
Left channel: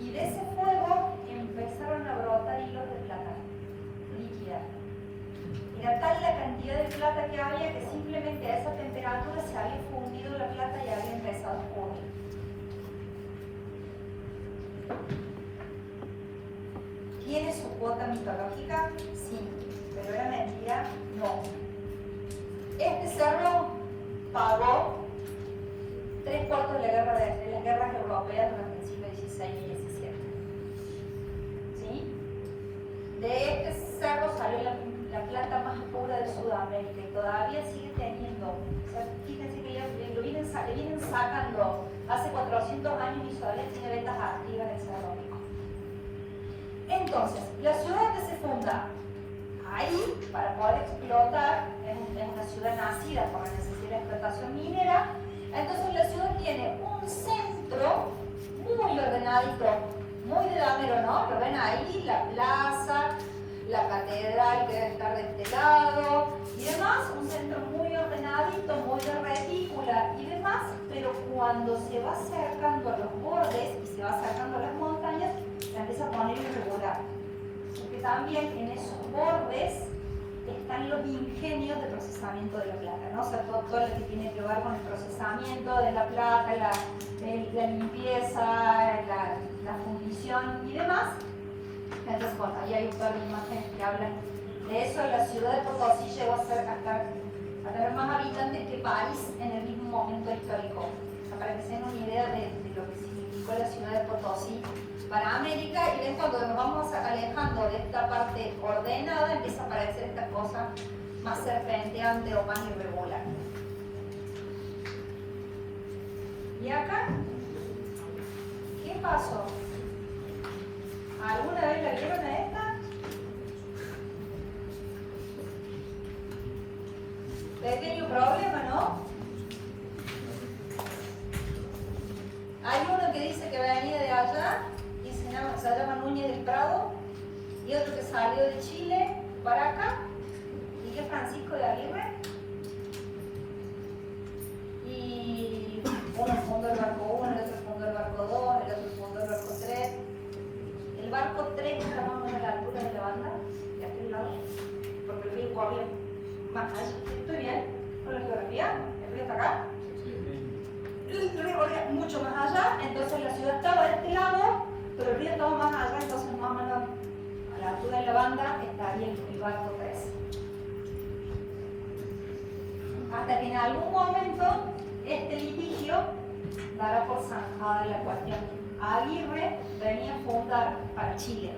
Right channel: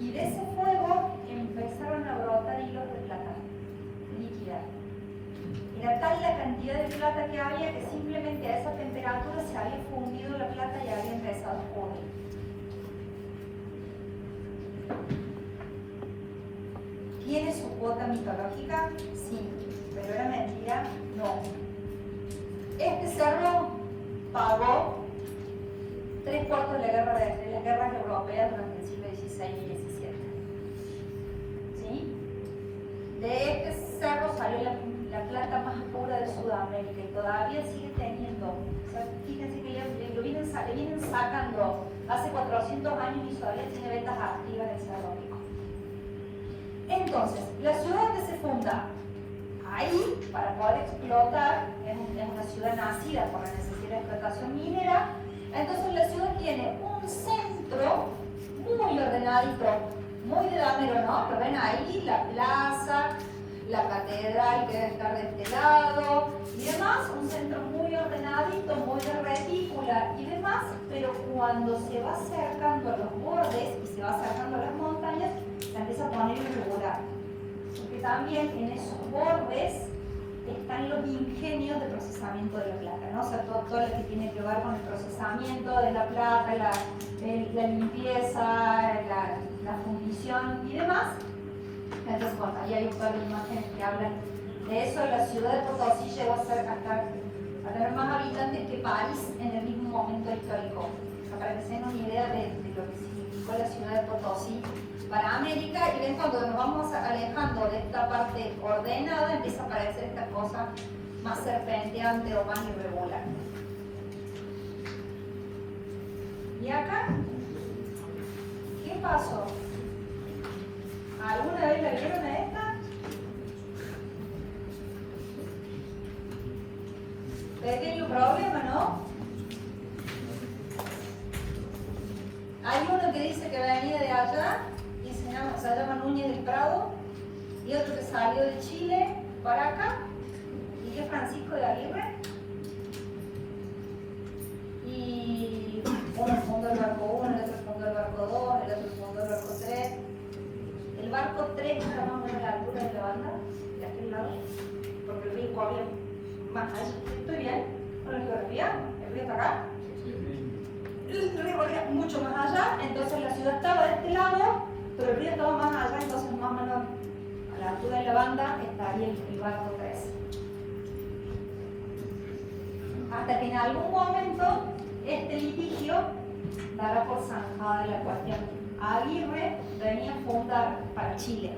Y de ese fuego empezaron a brotar hilos de plata líquida. Era tal la cantidad de plata que había que simplemente a esa temperatura se había fundido la plata y había empezado a ocurrir. ¿Tiene su cuota mitológica? Sí, pero era mentira, no. Este cerro pagó 3/4 de las guerras europeas durante el siglo XVI y XVII. ¿Sí? De este cerro salió la plata más pura de Sudamérica y todavía sigue teniendo. O sea, fíjense que lo vienen sacando. Hace 400 años y todavía tiene vetas activas en Cerro Rico. Entonces, la ciudad que se funda ahí para poder explotar explotación minera. Entonces la ciudad tiene un centro muy ordenadito, muy de damero, ¿no? Lo ven ahí, la plaza, la catedral que debe estar de este lado y demás, un centro muy ordenadito, muy de retícula y demás, pero cuando se va acercando a los bordes y se va acercando a las montañas, se empieza a poner irregular. Porque también en esos bordes están los ingenios de procesamiento de la plata, ¿no? O sea, todo lo que tiene que ver con el procesamiento de la plata, la limpieza, la fundición y demás. Entonces, bueno, ahí hay un par de imágenes que hablan de eso. La ciudad de Potosí llegó a tener más habitantes que París en el mismo momento histórico. O sea, para que se den una idea de lo que significó la ciudad de Potosí para América, y ven cuando nos vamos alejando de esta parte ordenada, empieza a aparecer esta cosa más serpenteante o más irregular. ¿Y acá? ¿Qué pasó? ¿Alguna vez la vieron a esta? Pequeño problema, ¿no? Hay uno que dice que venía de allá y se llama Núñez del Prado, y otro que salió de Chile para acá y es Francisco de Aguirre, y uno fundó el barco 1, el otro fundó el barco 2, el otro fundó el barco 3. El barco 3 está más o menos a la altura de la banda, de aquel lado, porque el río corría más allá. ¿Estoy bien con la geografía? ¿El río está acá? El río corría mucho más allá, entonces la ciudad estaba de este lado, pero el río estaba más allá, entonces más o menos a la altura de la banda estaría el barco 3. Hasta que en algún momento este litigio dará por zanjada la cuestión. Aguirre venía a fundar para Chile,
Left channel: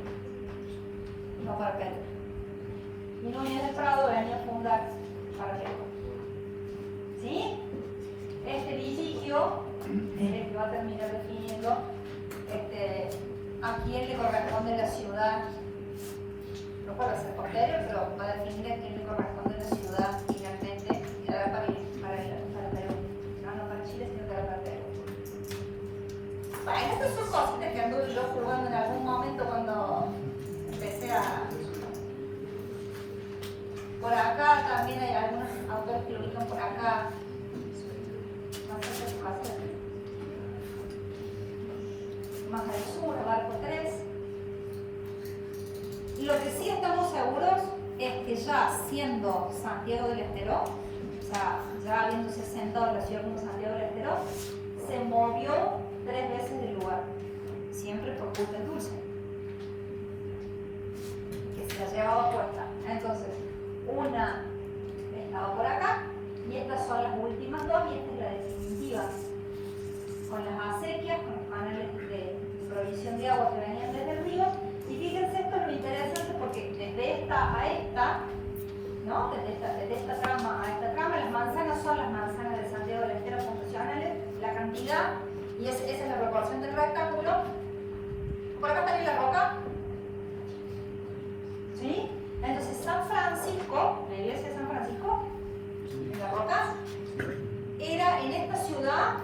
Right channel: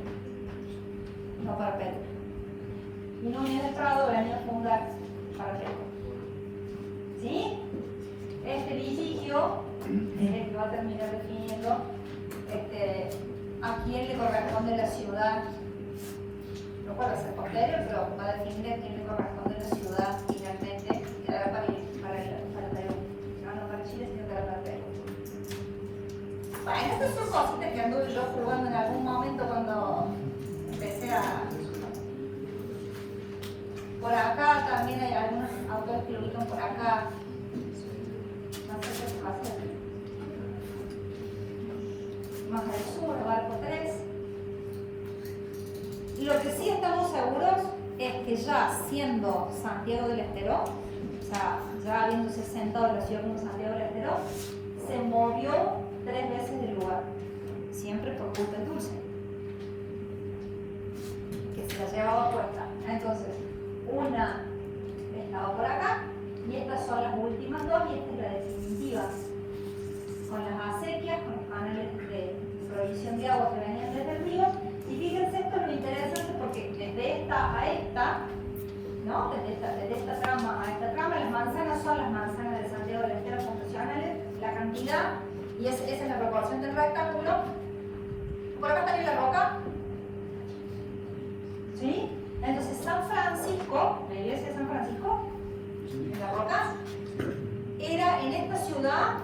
no para Perú. Y Núñez del Prado venía a fundar para Perú. ¿Sí? Este litigio es el que va a terminar definiendo a quién le corresponde la ciudad. No puede ser posterior, pero va a definir a quién le corresponde la ciudad finalmente. Y ahora para Perú. No para Chile, sino que va para Perú. Bueno, estas son cositas que anduve yo jugando en algún momento cuando empecé a... Por acá también hay algunos autores que lo ubican por acá. No sé qué pasa. Más al sur, barco 3. Lo que sí estamos seguros es que ya siendo Santiago del Estero, o sea, ya habiéndose sentado la ciudad como Santiago del Estero, se movió 3 veces del lugar, siempre por culpa de Dulce, que se la llevaba puesta. Entonces, una estaba por acá, y estas son las últimas dos, y esta es la definitiva. Con las acequias, con los canales de provisión de agua que venían desde el río, y fíjense, esto es lo interesante porque desde esta a esta, ¿no? Desde esta trama a esta trama, las manzanas son las manzanas de Santiago del Estero fundacionales, la cantidad, y esa es la proporción del rectángulo. Por acá también la roca. ¿Sí? Entonces San Francisco, la iglesia de San Francisco, en la roca, era en esta ciudad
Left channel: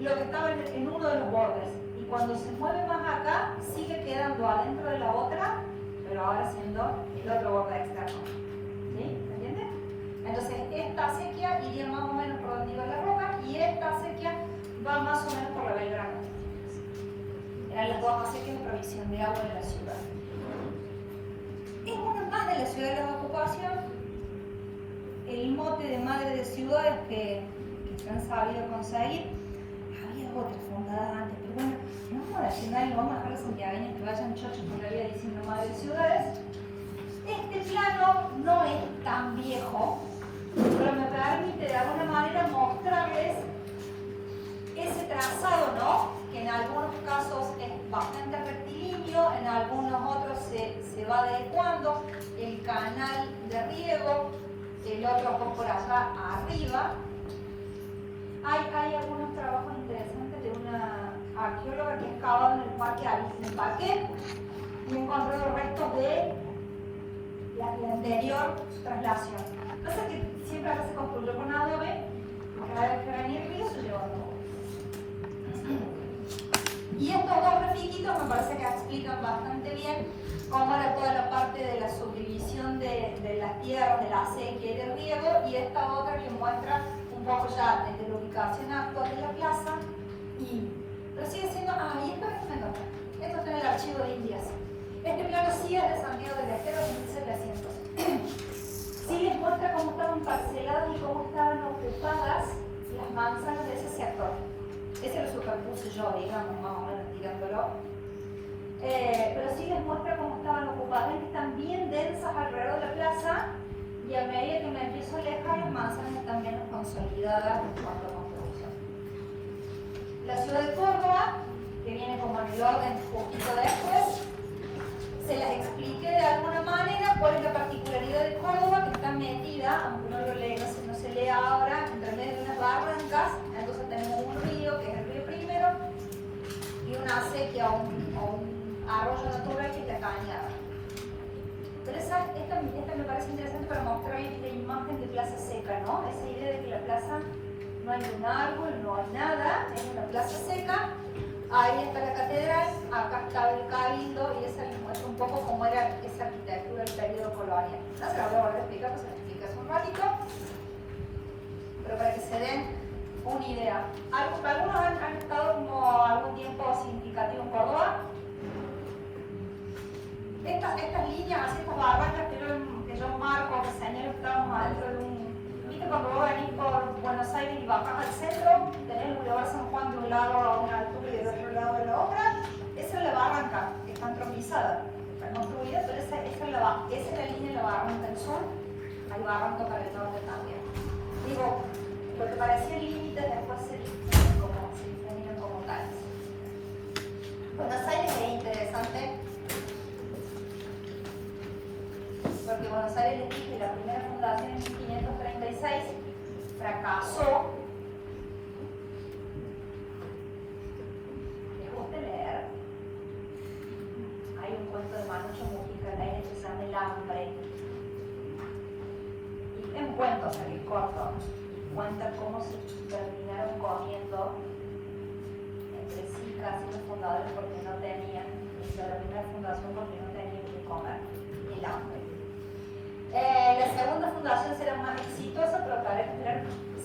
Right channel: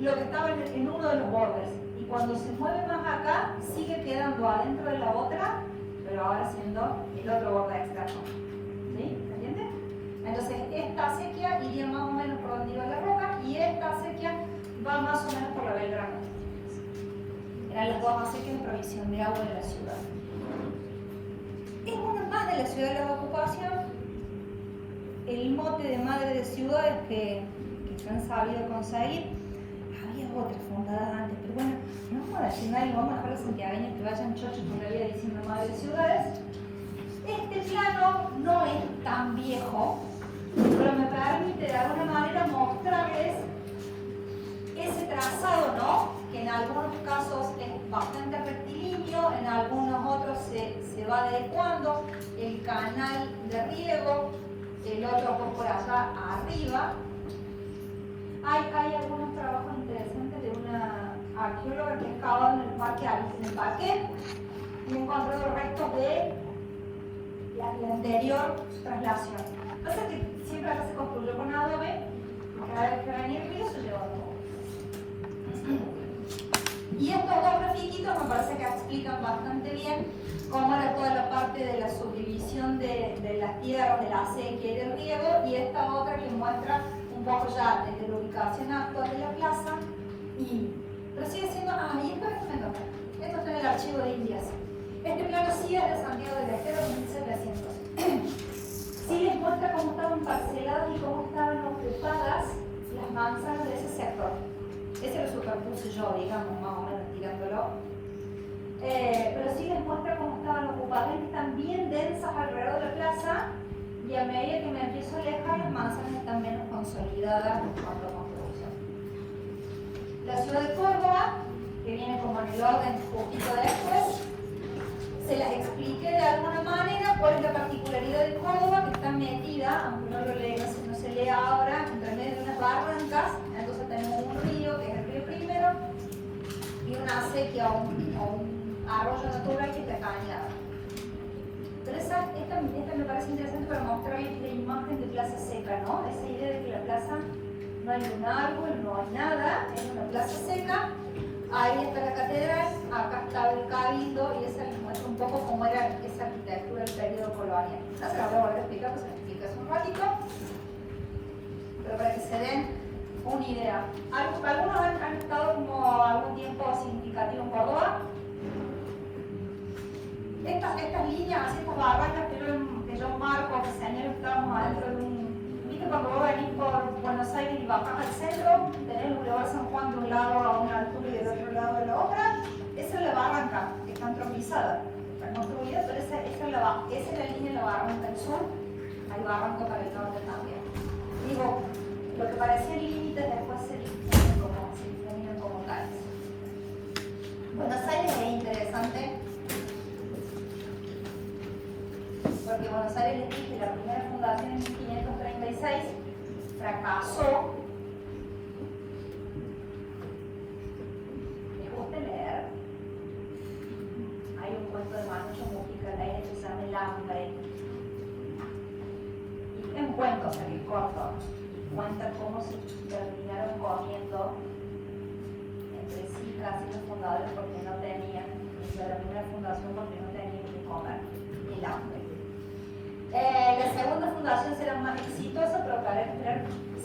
lo que estaba en uno de los bordes. Y cuando se mueve más acá, sigue quedando adentro de la otra, pero ahora siendo el otro borde externo. ¿Sí? ¿Se entiende? Entonces esta acequia iría más o menos por donde iba la roca, y esta acequia va más o menos por la Belgrano. Eran las dos acequias de provisión de agua de la ciudad. Es una más de la ciudad de la ocupación, el mote de madre de ciudades que se han sabido conseguir. Había otras fundadas antes, pero bueno, no vamos a decir no vamos a dejar a los santiagueños que vayan chochos por la vida diciendo madre de ciudades. Este plano no es tan viejo, pero me permite de alguna manera mostrarles ese trazado, ¿no? Que en algunos casos es bastante rectilíneo, en algunos otros se va adecuando, el canal de riego, el otro por allá arriba. Hay algunos trabajos interesantes de una arqueóloga que ha excavado en el parque Alice del Parque y encontró los restos de la anterior traslación. Entonces, siempre se construyó con adobe, porque que venía el río se llevó todo. Y estos dos grafiquitos me parece que explican bastante bien cómo era toda la parte de la subdivisión de las tierras, de la acequia y del riego, y esta otra que muestra un poco ya de la ubicación actual de la plaza. Pero sigue siendo, y esto es una cosa, esto está en el archivo de Indias. Este plano sí es de Santiago del Estero de 1700. Sí les muestra cómo estaban parceladas y cómo estaban ocupadas las manzanas de ese sector. Ese lo superpuse yo, digamos, más o menos tirándolo. Pero sí les muestra cómo estaban ocupadas. Están bien densas alrededor de la plaza y a medida que me empiezo a alejar, las manzanas están menos consolidadas en cuanto a construcción. La ciudad de Córdoba, que viene como en el orden un poquito después, se las expliqué de alguna manera cuál es la particularidad de Córdoba, que está metida, aunque no lo lea, no se lea ahora, entre medio de unas barrancas. Entonces tenemos un río, que es el río Primero, y una acequia o un arroyo natural que es la Cañada. Pero esta me parece interesante para mostrar la imagen de plaza seca, ¿no? Esa idea de que la plaza no hay un árbol, no hay nada, es una plaza seca. Ahí está la catedral, acá está el cabildo, y esa les muestra un poco cómo era esa arquitectura del periodo colonial. No se la voy a volver a explicar, pues se la explica hace un ratito, pero para que se den una idea. ¿Algunos han estado como algún tiempo significativo en Córdoba? Estas líneas, estas barracas que yo marco, que señalo, estamos adentro de un... ¿Viste cuando vos venís por Buenos Aires y bajás al centro? Tenés el Boulevard San Juan de un lado a una altura y del otro lado de la otra. Esa es la barranca, que está antropizada. Está construida, pero esa es la línea de la barranca del sur. Hay barranco para el norte también. Digo, lo que parecía límite después se define como tal. Buenos Aires es interesante, porque Buenos Aires, les dije, la primera fundación en 1536 fracasó. ¿Les gusta leer? Hay un cuento de Manucho Mujica que se llama El Hambre. Y en cuento, se me corto, cuenta cómo se terminaron comiendo entre sí casi los fundadores porque no tenían, y se terminó la fundación porque no tenían que comer. El hambre. La segunda fundación será más exitosa, pero que hará esperar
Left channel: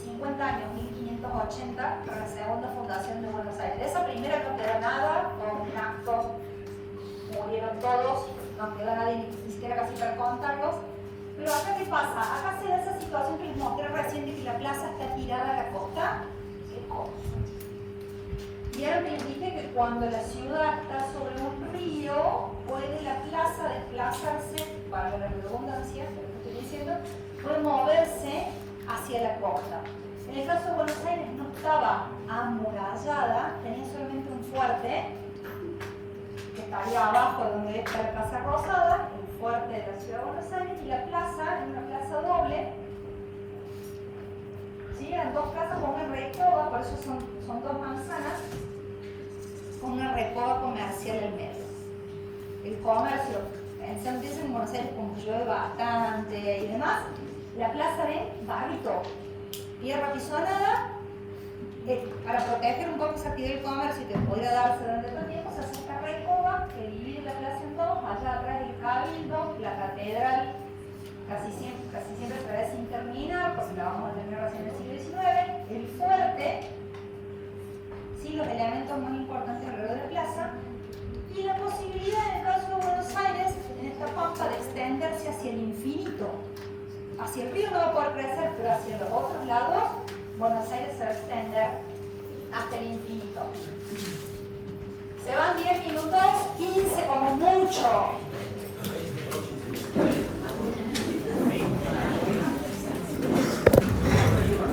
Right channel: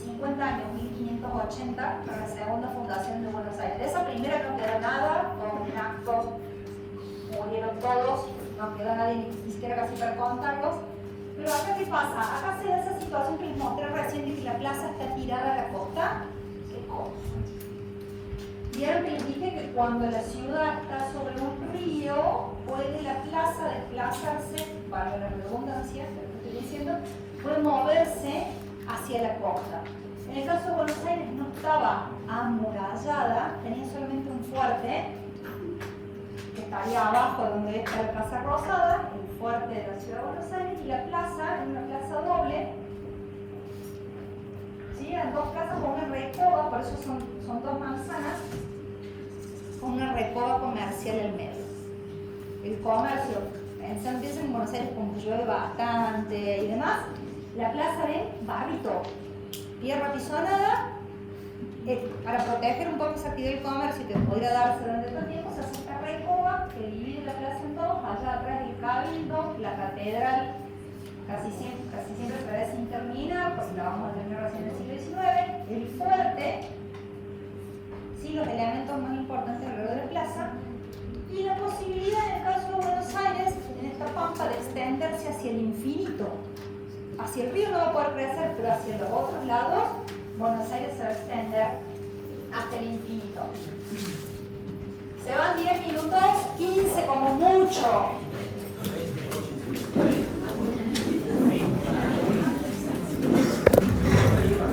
50 años, 1580, para la segunda fundación de Buenos Aires. De esa primera no quedó nada, con actos murieron todos, no quedó nadie ni siquiera casi para contarlos. Pero acá, ¿qué pasa? Acá se da esa situación que les mostré recién de que la plaza está tirada a la costa. ¿Qué cosa? Vieron que les dije que cuando la ciudad está sobre un río, puede la plaza desplazarse, para la redundancia, que estoy diciendo, puede moverse hacia la costa. En el caso de Buenos Aires no estaba amurallada, tenía solamente un fuerte, que estaría abajo donde está la Casa Rosada, el fuerte de la ciudad de Buenos Aires, y la plaza, en una plaza doble, ¿sí? Eran dos casas con una recoba, por eso son dos manzanas, con una recoba comercial al medio. El comercio, empieza en Buenos Aires como llueve bastante y demás, la plaza de barrito, tierra pisonada, para proteger un poco esa actividad del comercio y que pudiera darse durante todo el tiempo, se hace esta recoba que divide la plaza en dos, allá atrás el cabildo, la catedral, casi siempre otra vez sin terminar, porque la vamos a terminar recién en el siglo XIX, el fuerte, sí, los elementos más importantes alrededor de la plaza, y la posibilidad en el caso de Buenos Aires, en esta pampa, de extenderse hacia el infinito. Hacia el río no va a poder crecer, pero hacia los otros lados, Buenos Aires se va a extender hasta el infinito. Se van 10 minutos, 15 como mucho.